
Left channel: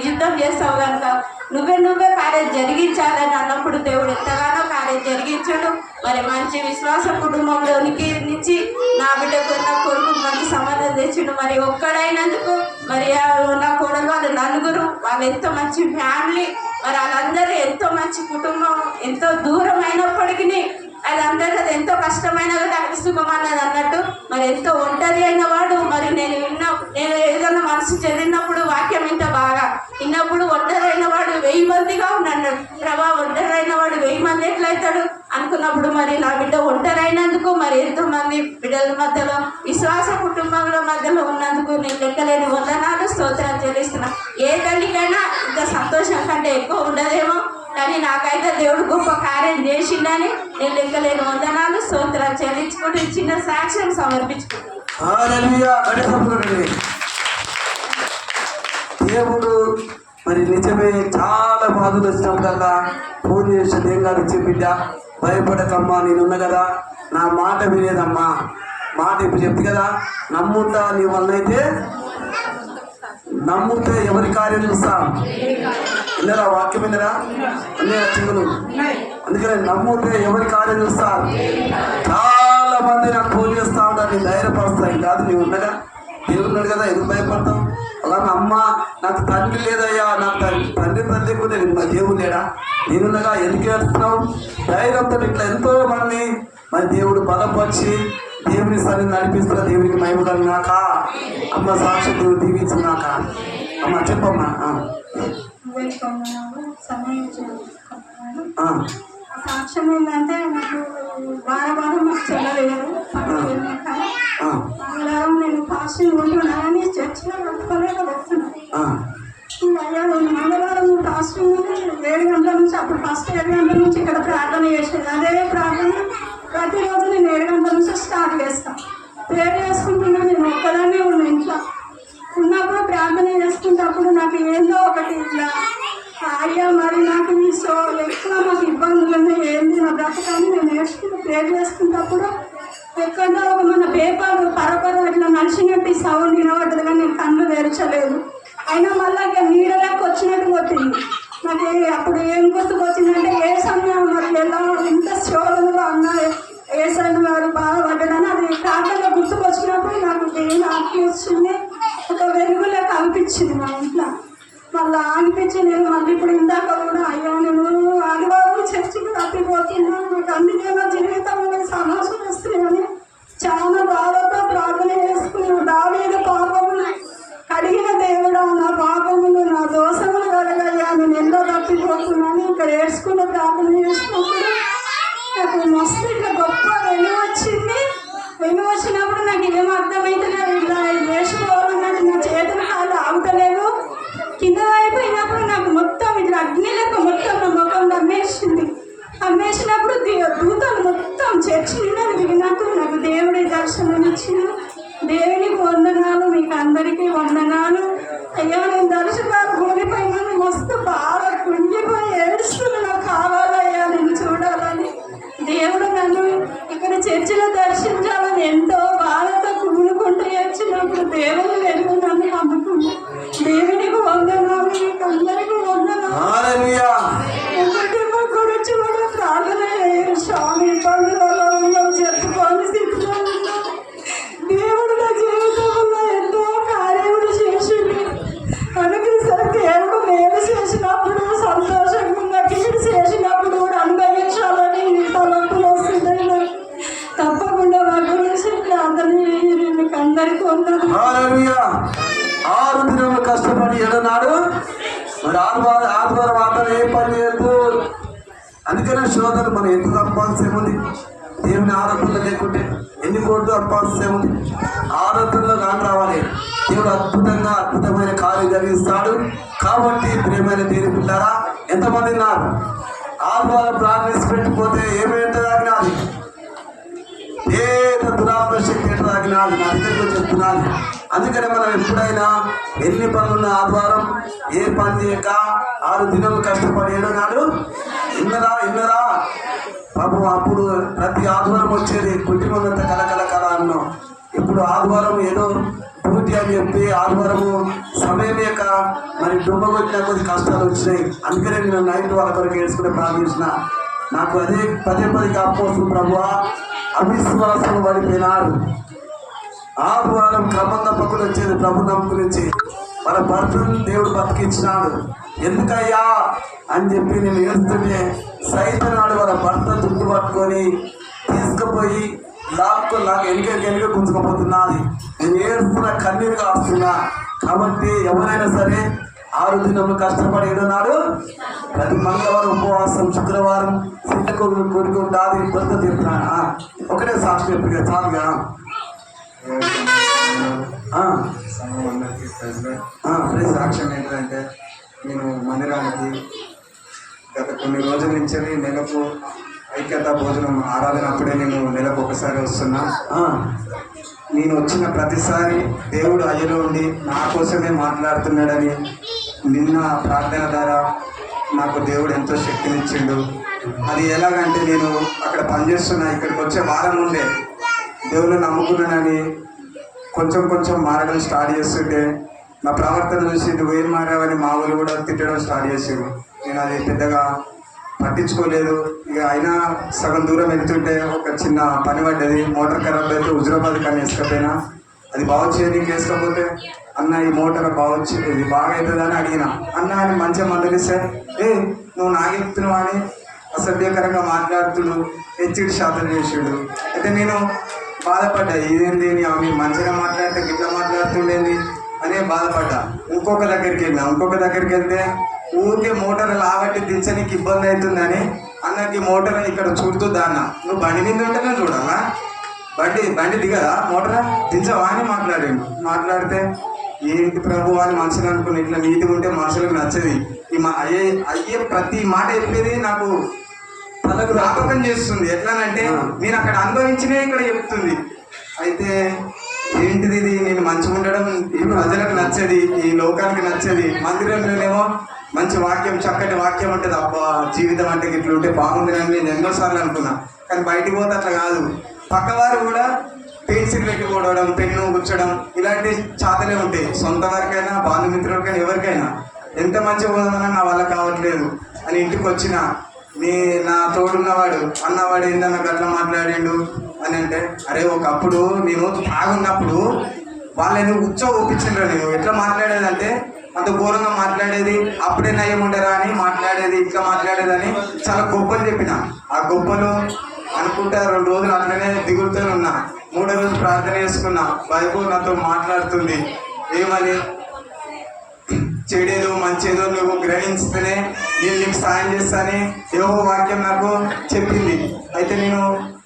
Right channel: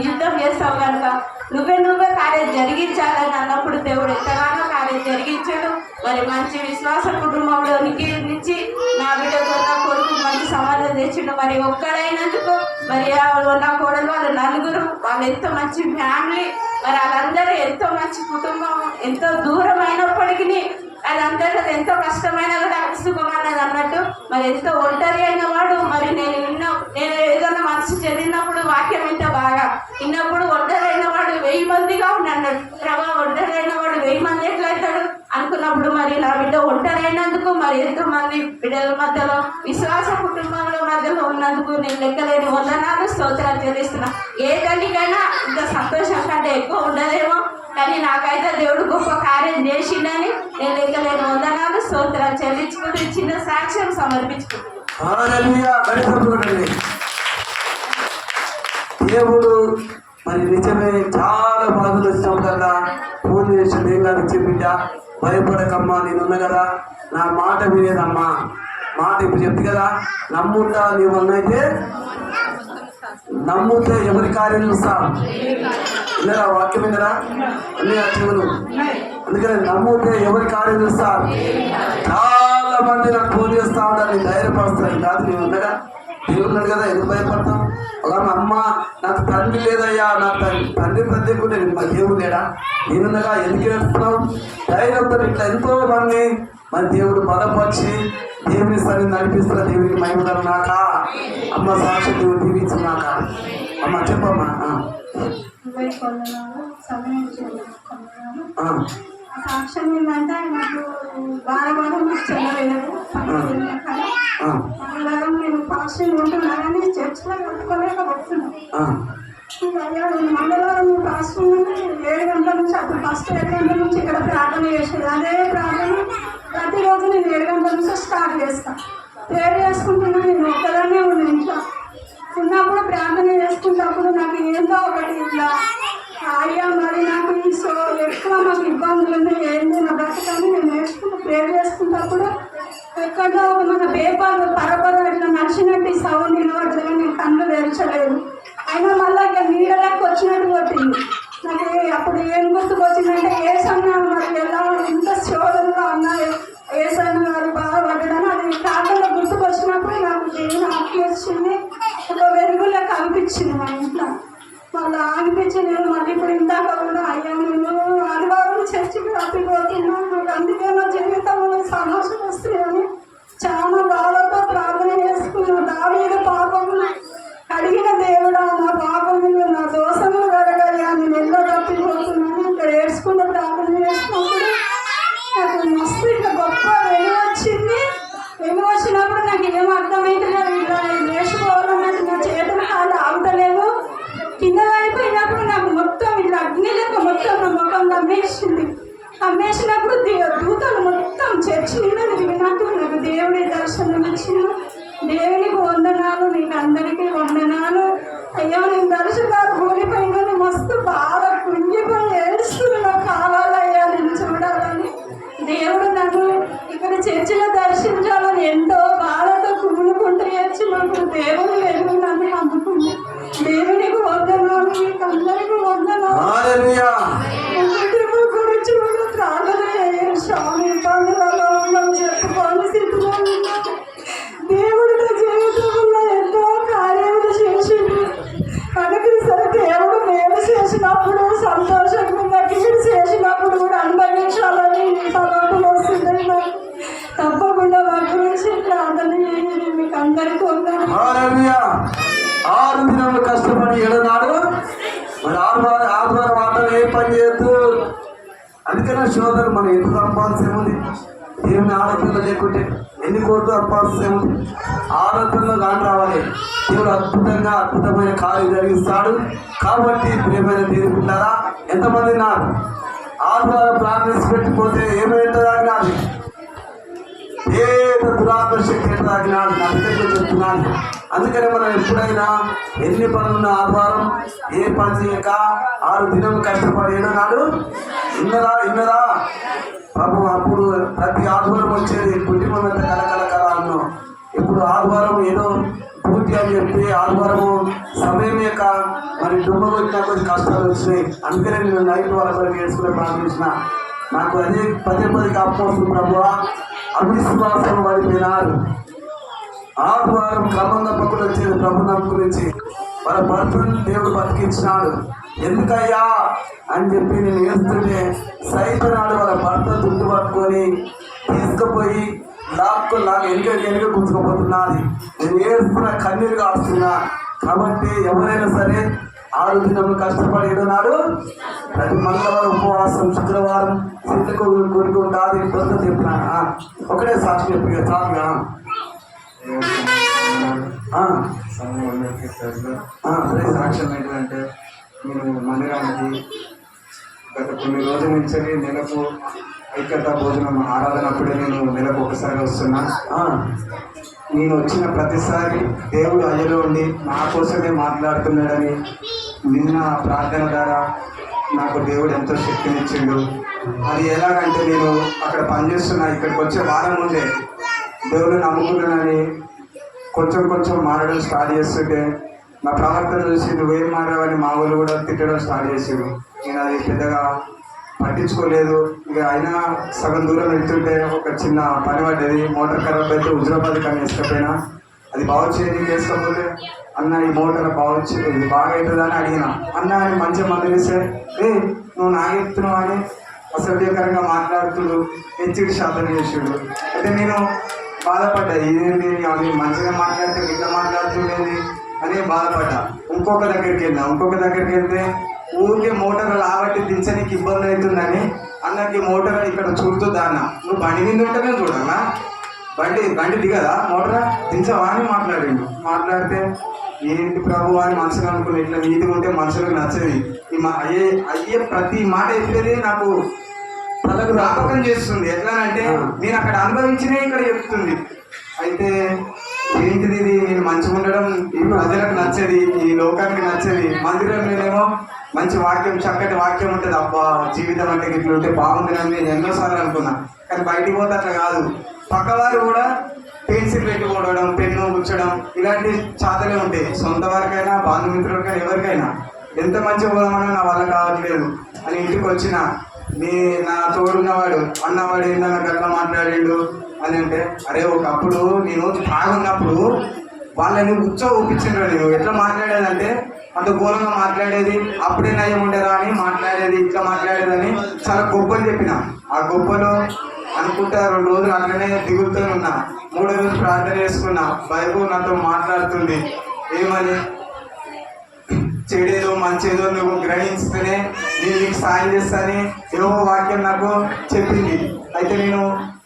యుద్ధం చేస్తావు కనుక నువ్వే కార్యం జరిగించాలని అన్నప్పుడు దేవుడు ఎంతగానో కార్యం జరిగించాడు. మరి మంచి విశ్వాస కుటుంబంలోనికి నుంచి నా బిడ్డకు నా కొడుకు మంచి సమాధానం తెచ్చిండు. మరి ఒక్కడైనందుకు మరి నా కోడలు వాళ్ళు 4 వాళ్ళు ఎంతో మంచి ఫ్యామిలీ. మరి వాళ్ళందరూ ఎంతో మంచి కుటుంబం. ఎంతో దూరం అయినప్పటికీ అది అందరికీ అది ఎంతో కష్టమైన కూడా సుఖమన్నది అన్నట్టు మరి ఎంతో ఒంటరి అయిన వాడు. మరి నేను ఏదన్నా మనసు చెందినప్పుడు వాక్యం ఇంత బాగా విన్నప్పుడు ఒంటరి అయిన వాడు 1000 మందిగా ఉన్నాడు. ప్రభా ఒంటరి అయిన వాడు 1000 మంది ఎట్లయితాడు అనుకున్నప్పుడు మరి నా బిడ్డ ఒంటరి అయినందుకు మరి ఎంతో మంది బిడ్డల మధ్యలో విశ్వాస కుటుంబంలో మధ్యలో ఉన్నందుకు నేను లెక్కలేని వందనాలు స్తోత్రాలు చెల్లిస్తున్నా. ఏ తల్లికైనా ఇంత సంతోషం కంటే ఎక్కువ ఉండదేమో, కానీ నాకైతే దేవుడు గొప్ప కార్యం చేసిండని నేను లెక్కలేని వందనాలు స్తోత్రాలు చెల్లించుకుంటూ చిన్న సాక్ష్యం సమర్పించుకుంటున్నాను. దేవుడు మరి నిజమే చాలా బాధలు వచ్చినప్పుడల్లా ఫోన్ చేసి ఏం కాదు బిడ్డ భయపడకమ్మా నేనున్నా కదా, నా మాట వినేదమ్మా, మాట ఇప్పుడు చెప్తే కదా, నమ్ముతా నీ వల్ల అయితే నమ్ముతే ఎవరి కార్యం చూస్తా విన్నరా, వాక్యం విన్నరా అన్నీ చెవులు. అందుకని నమ్ముతే ఎవరి కార్యం చూస్తారు. చాలా మంది నాకు ఫోన్ చేస్తా ఉంటారు, నేను ధైర్యపరుస్తాను కాదు, నేను ఉన్నదా దేవుడు ఉన్నాడు కదా, ఎందుకు భయపడతాం. అలా అమ్మ నాకు తండ్రి లేదయ్యా, నాకు తండ్రి లేకుంటే నా దేవుడు లేడా, నేనున్నగా ఎందుకు ఏడుస్తున్నావు ధైర్యంతో ఇట్లా ఎంతో మంది మరి దేవుడు బలపరిచి దేవుని సరిని నడిపిస్తున్న దేవునికి మహిమన్నాక అమ్మ సాక్షి దేవుడు దీవించున్నాక. అమ్మ చెప్పమ్మా. సాక్ష్యం ఏంటంటే నాకు వారం నాకు చెల్లలేదు. నేను ఫాస్టింగ్ ఉంటున్నా కానీ చర్చిలో పెట్టుకోలేక వస్తున్నాను. మంగళవారం ఫాస్టింగ్ 7 గంటల నుంచి, అప్పుడు ఫస్ట్ 7 గంటల నుంచి ఇక్కడ ప్రార్థన చేసేది. అదే ప్రార్థన ప్రతిరోజు నేను 7 గంటల నుంచి స్టార్ట్ చేస్తాను. ప్రేయర్ చేసుకుంటున్నా, నేను ఒక్కదానే ఉన్నా ఇంట్లో ఉన్నప్పుడు ప్రార్థన చేసుకున్నప్పుడు నాకు ఏందో ఒకటి ఇట్లా అయ్యా మరి నాకు ఎక్కువ మాకు ఇబ్బందులు ఉన్నాయి, ఏంది నా బ్రతకాన్ని నేను నేర్చుకుని ప్రేయర్ చేసుకున్నప్పుడు ఎక్కడో మన పేపర్లు పరపర ఇట్లా నడిచినట్టు ఈ సౌండ్ వినబడ్డది కానీ నేను కళ్ళు తెరచలేదు. అయినా మళ్ళీ ఇక నీడలోకి వచ్చినట్టు కొట్టింది. నాకు అప్పుడు ఏం గుర్తుకొచ్చిందంటే ఏసన్న మరి ఎలా ఇంత శోధనలో అన్న ఏసన్న గారు బాధపడ్డాడని అది కాకుండా గుర్తుకొచ్చినప్పుడు నాకు దేవుని ఆత్మ వచ్చింది, ఒక వెలుగులో కనిపించింది మన ఇంట్లో. మళ్ళీ అనిపించి నేను మళ్ళీ ఇప్పుడు ఇందాక కూడా అయ్యా నేను ఆదివారం చర్చికి తప్పిపోతున్నాను, నాకు అందుకే నా జీవితంలో నేను సమస్యలు వస్తున్నాయని చాలా బాధతో ప్రార్థన చేసుకున్నాను. దావీదు పాపములు కడిగిన దేవుడా, నా పాపములు నా దోషములు కడగయ్యా, నేను ఎంతో తప్పిపోతున్నాను. ఇక్కడ ఏడ్చుకుంటూ ప్రార్థన చేసినప్పుడు నాకు మస్తు ఇట్లా గొప్ప వచ్చింది. వచ్చినప్పుడు నాకు ఏం అర్థమైతే లేదు, ఇట్లా వేసుకోవాలన్నట్టు నా చేతులు కాళ్ళు ఆగుతలేదు. కింద అయిపోయినప్పుడు నాకు మొత్తం ఇట్లా అగ్నిలకు మొత్తం నా ముఖం అమ్మేసినప్పుడు దూతలు మొత్తం చర్చి విన్నట్టు నాకు దేవుడి దర్శనం ఇచ్చింది. దేవునికి వందనాలు, మీకు అందరికీ వందనాలు. అయ్యా నేను దర్శనాలు కూలిపోయినా మస్తు బాగా కుంగిపోయి ఏడుస్తున్నా, కావాలయ్యా నేను చూడాలని. దేవుడు నన్ను ఇక్కడ చర్చిలో దర్శించాలని ఎంతో బాధతో కూలుకుంటూ వచ్చినప్పుడు దేవుడు వెలుగు నన్ను అందుకుంది. దేవునికి వందనాలు, మీకు అందరికీ వందనాలు. గురించి కూడా ప్రార్థన చేయాలి. స్వామి ఇబ్బందులలో ఉన్నాం, చెప్పుకోని స్థితిలో ఉన్నాం. దేవుడు నా జీవితంలో ఎంతో కార్యములు చేసింది. అనుగ్రహిస్తారు. దేవుడు మేలు చేసినప్పుడు సంతోషంగా ఉన్న, కీడు చేసినప్పుడు కూడా అనుభవించాలని తలంపులు వస్తుంది. తప్పకుండా మా గురించి ప్రార్థన చేయాలి. మీకు అందరికీ వందనాలు. 6 దినాలు కష్టపడి 7వ నాడు మరి ఆదివారం ఆటలు ఏ పని చేయొద్దు. అందుకనే శోధన మనం ఎంత తప్పాల్సి ఏముంది, దేవుని ఆరాధనలో లేకుంటే ఎన్ని కోట్లు తప్పాల్సి ఏముంది. ఆరాధనలో దాని రావాలి. దేవుడు అద్భుతమైన కార్యం జరిగిస్తాడు. కాబట్టి ప్రియమైన దేవుని పిల్లారా, ఎంతమంది ఉన్నారు ఆదివారం ప్రార్థించి పెట్టిపోతే ఏమైతుందని నాది ఏదో దురాత్మ శక్తి ఎట్టాగినాడు నా దగ్గరికి చెప్తున్నాను. అందుకనే మనం ఎప్పుడైనా ఎన్ని పనులున్న ఆదివారం ఏ పని చేయక 6 దినాలు కష్టపడి 7వ నాడు ఇన్నదా పాపం. అప్పుడు ప్రతి ఆదివారం వచ్చేది కుటుంబమంతా కలకల అన్నాం. ఇప్పుడు ఆదివారం ఏదో డ్యూటీ అని చెప్పి ఆదివారము సమయం యొక్క మరి దుమ్మగొచ్చిన కొద్ది కష్టాలు వచ్చినాయి. అందుకనే నేను నైట్ వాళ్ళ వరకు ఏడ్చుకునే ప్రార్థించిన. నాకు అదే పదే కాకపోతుంది ప్రభువా, అవిశ్వాసం పడిపోయినారు. ఆదివారం క్రమం తప్పకుండా వచ్చేది ప్రభు గురించి వాళ్ళ భర్తను దేవుడు బతికించినాడు. ఎందుకయ్యా అని చెప్పి నేను ఏడుస్తుంటే సైతనాడు వాళ్ళ భర్త చుట్టు పట్టుకొని తీసుకుపోయి వెనుక గుంజుకుపోతున్నది. నేను ఏడుస్తున్నా, కన్నీరు కాస్తున్నా. కాబట్టి ఎవరైనా సరే 6 దినములు కష్టపడి 7వ నాడు ప్రతి మంగళవారం ఉపవాసం, శుక్రవారం సిద్ధకొగులు కోరిక ఉంటుంది. భర్త తీరుతున్నాను. ఒకటే సాక్షి చెప్పి చాలుగా. సంఘం అందరికీ సాక్ష్యం ఏంటంటే నేను మందిరానికి గత కొన్ని రోజుల నుంచి నెలకు ఐక్యత భోజనం ఆరాధన అప్పుడే నేను నెలకు ఒకసారి వస్తున్నా. నేను వచ్చిన ప్రతిసారి దేవుడు అయ్యలో ఉండి నా కోసమే మాట్లాడుతున్నాడని నిన్న ప్రార్థన ద్వారా నాకు దేవుడు ఎంతో శక్తినిచ్చిండు. అది ఎలాగంటే నేను అక్కడ పనిచేస్తున్నా, ఇక్కడికి వచ్చే వారం ముందే దేవుడు నమ్ముకున్నానని కొంచెం కొంచెం మారడం స్టార్ట్ చేస్తుంటే నా ప్రవర్తన చూసి నువ్వేం మారావని మా వాళ్ళు కూడా తిట్టడం స్టార్ట్ చేసారు. నేను అది పెద్దగా పట్టించుకోలేదు. ఇక అయినా సగం దూరం వెళ్తుంటే ఒక చిన్న పని పడ్డది. మోటార్ ఖరాబ్ అయితే హుజరాబాద్ కానీ వేసుకపోయినా అది బాగు చేయడానికి వేసుకోకపోతే అన్న ఈ మోటార్ ఇది బాగా అవుతుందని అడిగిన. అన్న అని మంచిగా మందలిస్తే నువ్వు నాగెత్తున్నావు అని అసభ్యకరంగా మాట్లాడుతుడు, హెచ్చిడి శాతం చేసాడు. అయితే నేను బాధపడ్డా, ఇదేంటి అవి మంచిగా మాట్లాడితే ఇట్లా మాట్లాడుతుండేది అనే బాధపడ్డా. ఇంకొక దగ్గరికి వెళ్తే ఊరికే మోటార్ లాబట్టి దించడానికి ఇబ్బంది అవుతుందని అన్నకి మోటార్ ఇక్కడ చూడుతుందా అన్న, నువ్వు బండి మీద ఉంటేనే చూడాలా, బండి దిగదా మోటార్ దించవా అని మాట్లాడితే ఏంటి ప్రభు అని మనుషులు అనుకుని ఇట్లా నీట్గా ఉంటే మనుషులకు నచ్చది. అయ్యే ప్రతి మాట చెప్పేది నాకు తలకు జ్ఞాపకం చేస్తుంది. ఎట్లానంటే నేను అక్కడ అనుభవించినే ఇక్కడ చెప్తుంది. అయితే ఏంటిది ఇది, నేను మంచిగా ఉండడం ఈ ప్రజలకు నచ్చేది, ఈ లోకానికి నచ్చేది. మందిరంలోనేమో మంచి వాక్యం, చక్కటి వాక్యం ఉంటుంది. అబ్బా జీవితం అంటే ఇట్లా ఉంటే బాగుంటుందని నేను ఎన్నోసార్లు అనుకున్నా. కానీ బయటికి పోతే అట్లా కాదు. పక్కవారు కూడా పెన్సిల్ పెట్టుకోవడం, పెన్ను కూర్చోడం ఇలాంటి చాతలే ఉంటాయి. సొంత వారికైనా బంధుమిత్రులకైనా ఎవరికైనా ఎంత మంచిగా పోదామన్నా నా వల్ల కావట్లేదు అని ఇంటికి వచ్చిన నా తోడున్నవాడు అన్నవాడు ఏందన్న గట్లా మాట్లాడిండు అని అంటే, అరే ఒకప్పుడు నేను తాగున్నప్పుడు వాళ్ళని ఊపించిండ్రు. నేను ఎట్లా మాట్లాడేదంటే అంత ఘోరంగా మాట్లాడేది, అప్పుడే నయం ఉండరా అని మాట్లాడేది, ఇట్లా మాట్లాడేదని చాలా గొప్పలు చెప్పిన. ఆ గొప్పలు అనుకుంటా 2 రోజులు అట్లనే దిగులుతూ ఉన్నా. 3వ రోజు ప్రార్థన చేసుకున్నా. బైబుల్ నాతో మాట్లాడుతుంది. ఏమని, చెడేదో మంచేదో నువ్వు గ్రహించితేనే నేను నీకు సాయం చేస్తానని యెహోవా వాక్యం నాకు చెప్పింది. అయితే నేను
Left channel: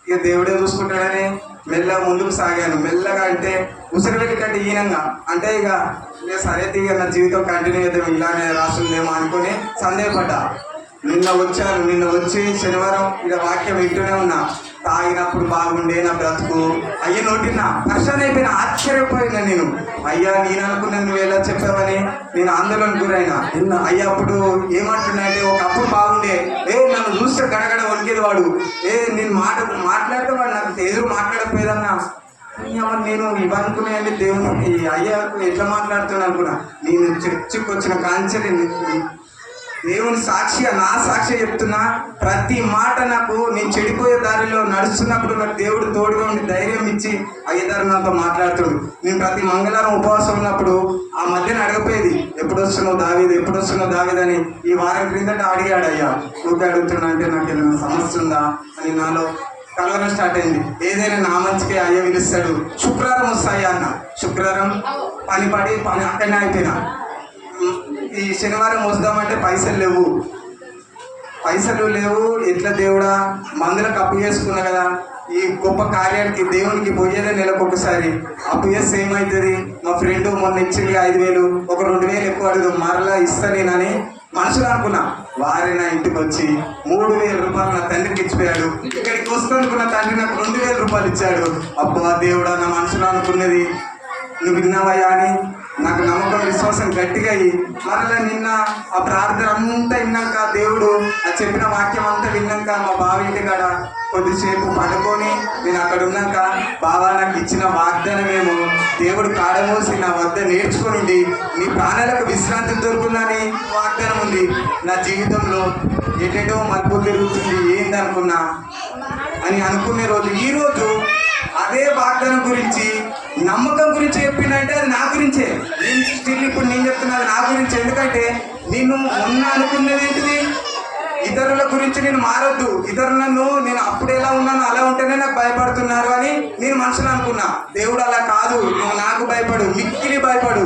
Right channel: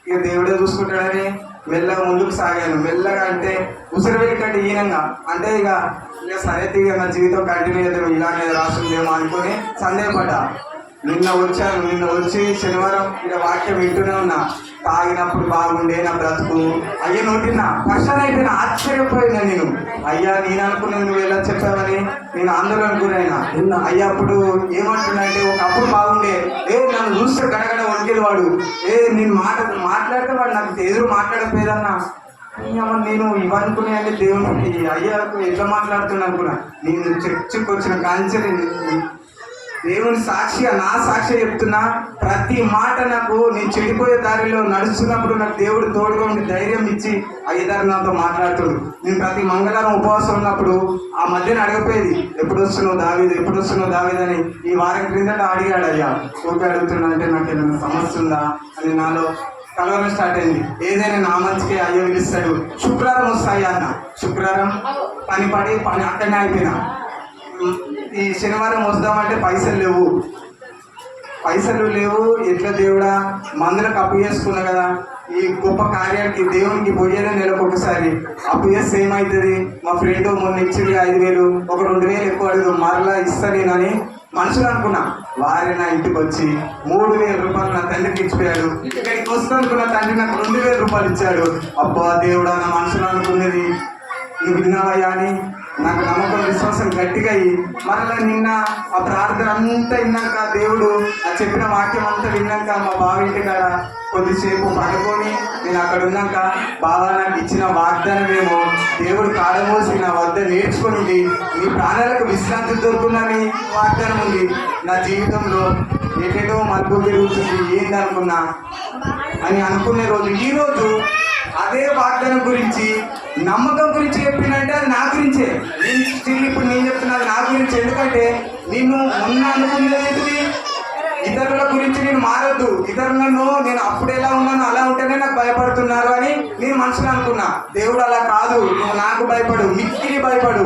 ఇక దేవుడే చూసుకుంటాడని మెల్లగా ముందుకు సాగాను. మెల్లగా అంటే ఉసిరి కంటే ఈనంగా అంటే ఇక సరే ఇక నా జీవితం కంటిన్యూ చేద్దాం ఇలానే రాస్తుందేమో అనుకుని సందేహపడ్డా. నిన్న వచ్చి శనివారం ఇక్కడ వాక్యం వింటూనే ఉన్నా. తాగినప్పుడు బాగుండే నా బ్రతుకు అయ్యే నోటినా పర్షన్ అయిపోయినా, ఆశ్చర్యపోయినా నేను. అయ్యా నేను అనుకున్నది నువ్వు ఎలా చెప్పావని నేను ఆందోళన గురైనా. అయ్యా అప్పుడు ఏమంటున్నాయంటే ఒకప్పుడు బాగుండే, నన్ను చూస్తే గడగడ వణికేది వాడు, నేను మాట్లాడితే వాడు నాకు ఎదురు మాట్లాడకపోయేదన్నా. నేను ఇవనుకున్నాయండి దేవునికి అయ్యాకు ఎట్లా మాట్లాడుతున్నా అనుకున్నా. నేను చర్చికి వచ్చిన కాంచెని దేవుని సాక్షిగా నా సాక్షి చెప్తున్నా. ప్రతి మాట నాకు నేను చెడిపోయే దారిలో నడుస్తున్నప్పుడు నాకు దేవుడు తోడుగా ఉండి ధైర్యం ఇచ్చి అయ్యదారు నాతో మాట్లాడుతాడు. నేను ప్రతి మంగళవారం ఉపవాసం ఉన్నప్పుడు ఆ మధ్యన అడగపోయేది, ఎప్పుడు వస్తున్నావు దావీదు అని. ఈ వారం క్రిందట అడిగాడు. అయ్యా ఊరికే అడుగుతున్నా అంటే నాకు ఏదైనా సమస్య ఉందా అని నాలో కలవరం స్టార్ట్ అయింది. ఏదైనా నా మంచికే అయ్యా పిలుస్తాడు. శుక్రవారం వస్తాయి అన్న. శుక్రవారం పని అక్కడనే అయిపోయినా. ఈ శనివారం వద్దామంటే పైసలు లేవు. ఎట్లా దేవుడా, మందులకు అప్పు చేసుకున్నా కదా, ఈ గొప్ప కార్యానికి దేవునికి పోయేదే నెలకు ఒకసారి. అప్పు చేస్తే ఏమవుతుంది, మా ఫ్రెండ్ మొన్న ఇచ్చింది 5,000, ఒక 2,000 ఎక్కువ అడుగు మరలా ఇస్తా నేనని మనసులో అనుకున్నా. వారి నా ఇంటికి వచ్చి 3,000 రూపాయలు నా తండ్రికి ఇచ్చిపోయాడు. ఇక్కడికి వస్తున్నందుకు నా తండ్రి నాకు 2,000 రూపాయలు ఇచ్చాడు. అబ్బా దేవుడా, నా మనసులో అనుకున్నది నువ్వు విన్నావయ్యా అని నాకు నమ్మకం, విశ్వాసం గట్టిగా అయ్యి మరలా నిన్న ఆ ప్రార్థన అంతా విన్నాక, దేవుడు ఆ చెప్పిన వాక్యం అంతా విన్నాక మా బావ ఇంటి కాడ కొద్దిసేపు పడుకొని నేను అక్కడ ఉన్నాక, బావా నాకు ఇచ్చిన వాగ్దానమేమో దేవుడు కాడమోసి నా వద్ద నేర్చుకొని నీ ప్రాణాలకు విశ్రాంతి దొరుకుతుందని వాగ్దానం ఉంది. నా జీవితంలో ఏటేటో మలుపు తిరుగుతుంది ఏందనుకున్నా అని అనుకునే రోజు ఈరోజు అదే వాగ్దానం గురించి, నమ్మకం గురించి చెప్పిందంటే అది నా గురించే. నేను స్టిల్ ఇప్పుడు నేను చెప్తున్నది నా గురించి. ఎందుకంటే నేను మొన్న అనుకున్నది ఏంటిది, ఇతరుల గురించి నేను మారొద్దు, ఇతరులను నేను అప్పుడు ఎలా ఉన్నాను అలా ఉంటేనే నాకు భయపడుతున్నారు అని నేను మనసులో అనుకున్నా. దేవుడు అలా కాదు, నువ్వు నాకు భయపడు, మిక్కిలి భయపడు,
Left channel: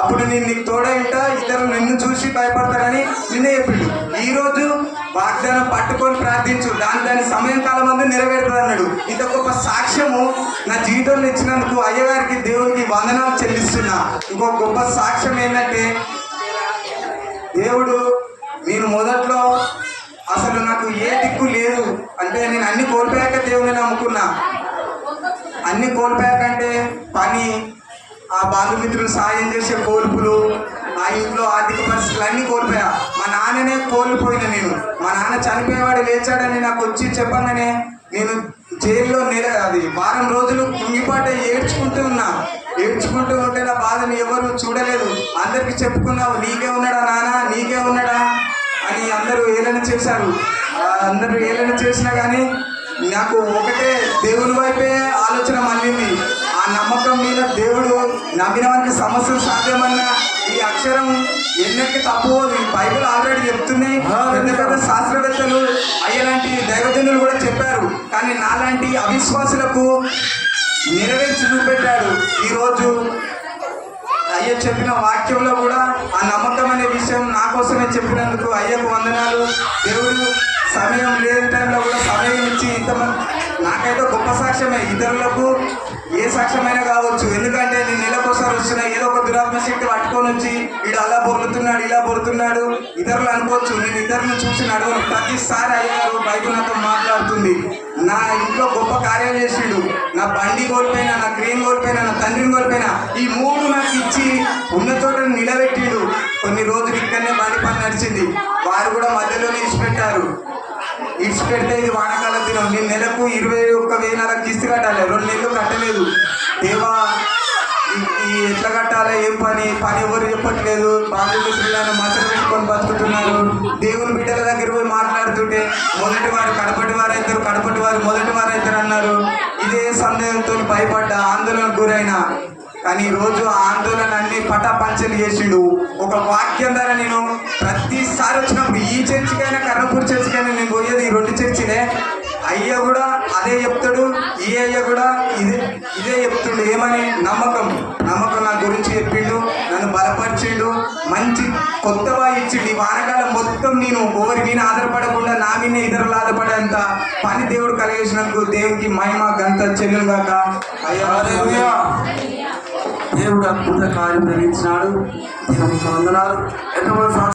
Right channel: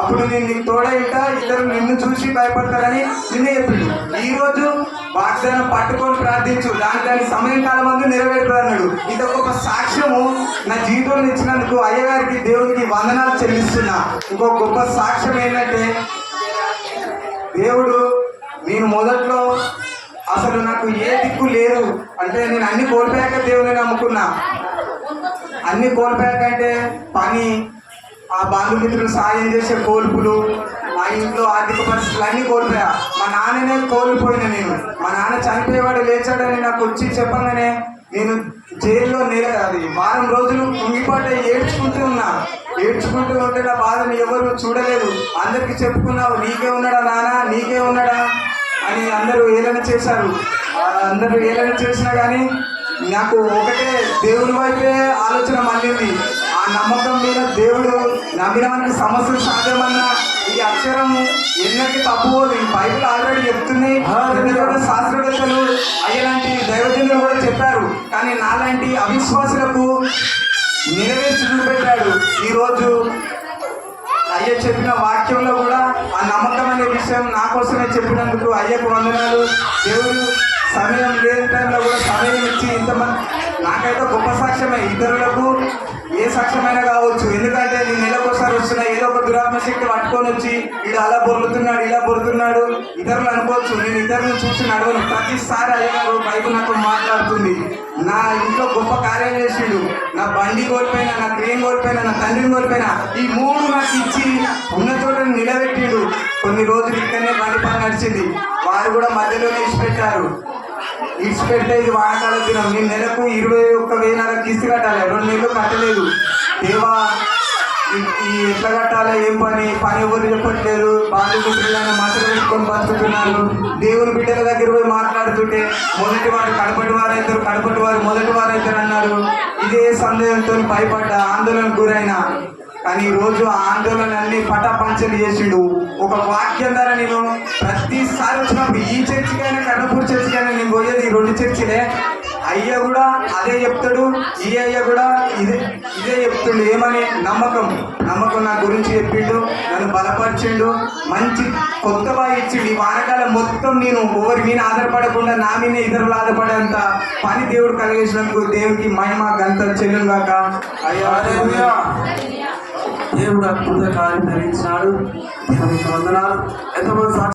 అప్పుడు నేను నీకు తోడైంటా, ఇతరులు నిన్ను చూసి భయపడతారని నిన్నే చెప్పిండు. ఈరోజు వాగ్దానం పట్టుకొని ప్రార్థించు, దాని సమయం కాలం ముందు నెరవేరుతుంది అన్నాడు. ఇంత గొప్ప సాక్ష్యము నా జీవితంలో ఇచ్చినందుకు అయ్యగారికి దేవుడికి వందనాలు చెల్లిస్తున్నా. ఇంకో గొప్ప సాక్ష్యం ఏంటంటే, దేవుడు నేను మొదట్లో అసలు నాకు ఏ దిక్కు లేదు అంటే నేను అన్ని కోల్పోయాక దేవుని నమ్ముకున్నా. అన్ని కోల్పోయారు కంటే పని, ఆ బంధుమిత్రులు సాయం చేసే కోల్పులు, ఆ ఇంట్లో ఆర్థిక పరిస్థితులు అన్నీ కోల్పోయా. మా నాన్ననే కోల్పోయినా నేను. మా నాన్న చనిపోయేవాడు లేచాడని నాకు వచ్చి చెప్పంగానే నేను జైల్లో అది వారం రోజులు కుంగిపాట ఏడ్చుకుంటూ ఉన్నా. ఏడ్చుకుంటూ ఉంటే నా బాధను ఎవరు చూడలేదు. అందరికి చెప్పుకున్నావు, నీకే ఉన్నాడా నాన్న, నీకే ఉన్నాడా అని అందరూ ఏలన చేశారు. అందరూ ఏలన చేసినా కానీ నాకు ఒకటే దేవుని వైపే ఆలోచన మళ్ళీంది. ఆ నమ్మకం మీద దేవుడు నమ్మిన వారికి సమస్యలు సాధ్యమన్నా ఈ అక్షరం ఎన్నెక్కి తప్పు ఈ బైబిల్ ఆల్రెడీ చెప్తున్నాయి. పెద్ద పెద్ద శాస్త్రవేత్తలు అయ్యలాంటి దైవజనులు కూడా చెప్పారు. కానీ నాలాంటి అవిశ్వాసులకు నెరవేర్చి చూపెట్టాడు. ఈరోజు అయ్య చెప్పిన వాక్యంలో కూడా ఆ నమ్మకం అనే విషయం నా కోసమే చెప్పినందుకు అయ్యకు వందనాలు. దేవుడు సమయం లేని టైంలో కూడా సమయం ఇచ్చి ఇంతమంది నాకైతే గొప్ప సాక్ష్యమే. ఇతరులకు ఏ సాక్ష్యమైనా కావచ్చు. ఎందుకంటే నేను నెలకోసారి వచ్చిన ఏదో ఒక దురాత్మ శక్తి పట్టుకొని వచ్చి వీడు అలా బొరుకుతున్నాడు, ఇలా బొరుకుతున్నాడు ఇతరులు అనుకోవచ్చు. నేను ఇతరులను చూసి నడవను. ప్రతిసారి అయ్యారు బైబిల్ నాతో మాట్లాడుతుంది. నా ఇంట్లో గొప్ప కార్యాలు చేసిండు. నా బండి కోల్పోయినా, నా క్రేన్ కోల్పోయినా, నా తండ్రిని కోల్పోయినా ఈ మూడు నాకు ఇచ్చి ఉన్న చోట నిలబెట్టిండు. కొన్ని రోజులు ఇక్కడనే బండి పని నడిచింది. వారు కూడా మధ్యలోనే ఇచ్చిపెట్టారు. ఇచ్చిపెడితే ఇది వానకాల దినం. నేను నెలకు 21,000 కిస్తీ కట్టాలి. 2 నెలలు కట్టలేదు. దేవా ఈ ఎట్లా కట్టాలా, ఏం పని ఎవరు చెప్పట్లేదు. బాధ్యతలను మాత్రం పెట్టుకొని బతుకుతున్నారు. దేవుని బిడ్డల దగ్గర పోయి మాట్లాడుతుంటే మొదటి వారు కడపటి వారైతారు, కడపటి వారు మొదటి వారైతారు అన్నారు. ఇదే సందేహంతో భయపడ్డా, ఆందోళనకు గురైనా. కానీ ఈరోజు ఆ ఆందోళన అన్ని పటాపంచలు చేసిండు. ఒక వాక్యం ద్వారా నేను ప్రతిసారి వచ్చినప్పుడు ఈ చర్చికైనా కర్ణపూర్ చర్చికైనా నేను పోయేది ఈ 2 చర్చిలే. అయ్య కూడా అదే చెప్తాడు, ఈ అయ్య కూడా ఇదే చెప్తుండు. ఏమని? నమ్మకం నా గురించి చెప్పిండు, నన్ను బలపరిచిండు, మంచి కొత్తగా ఇచ్చిండు. ఈ వానకాలం మొత్తం నేను ఎవరి మీద ఆధారపడకుండా నా మీద ఇతరులు ఆధారపడేంత పని దేవుడు కలిగేసినందుకు దేవుడికి మహిమ గంత చెల్లుగాక. అయ్యా దేవుడు అద్భుత కార్యం జరిగించినాడు. దేవునికి వందనాలు. ఎంతమంది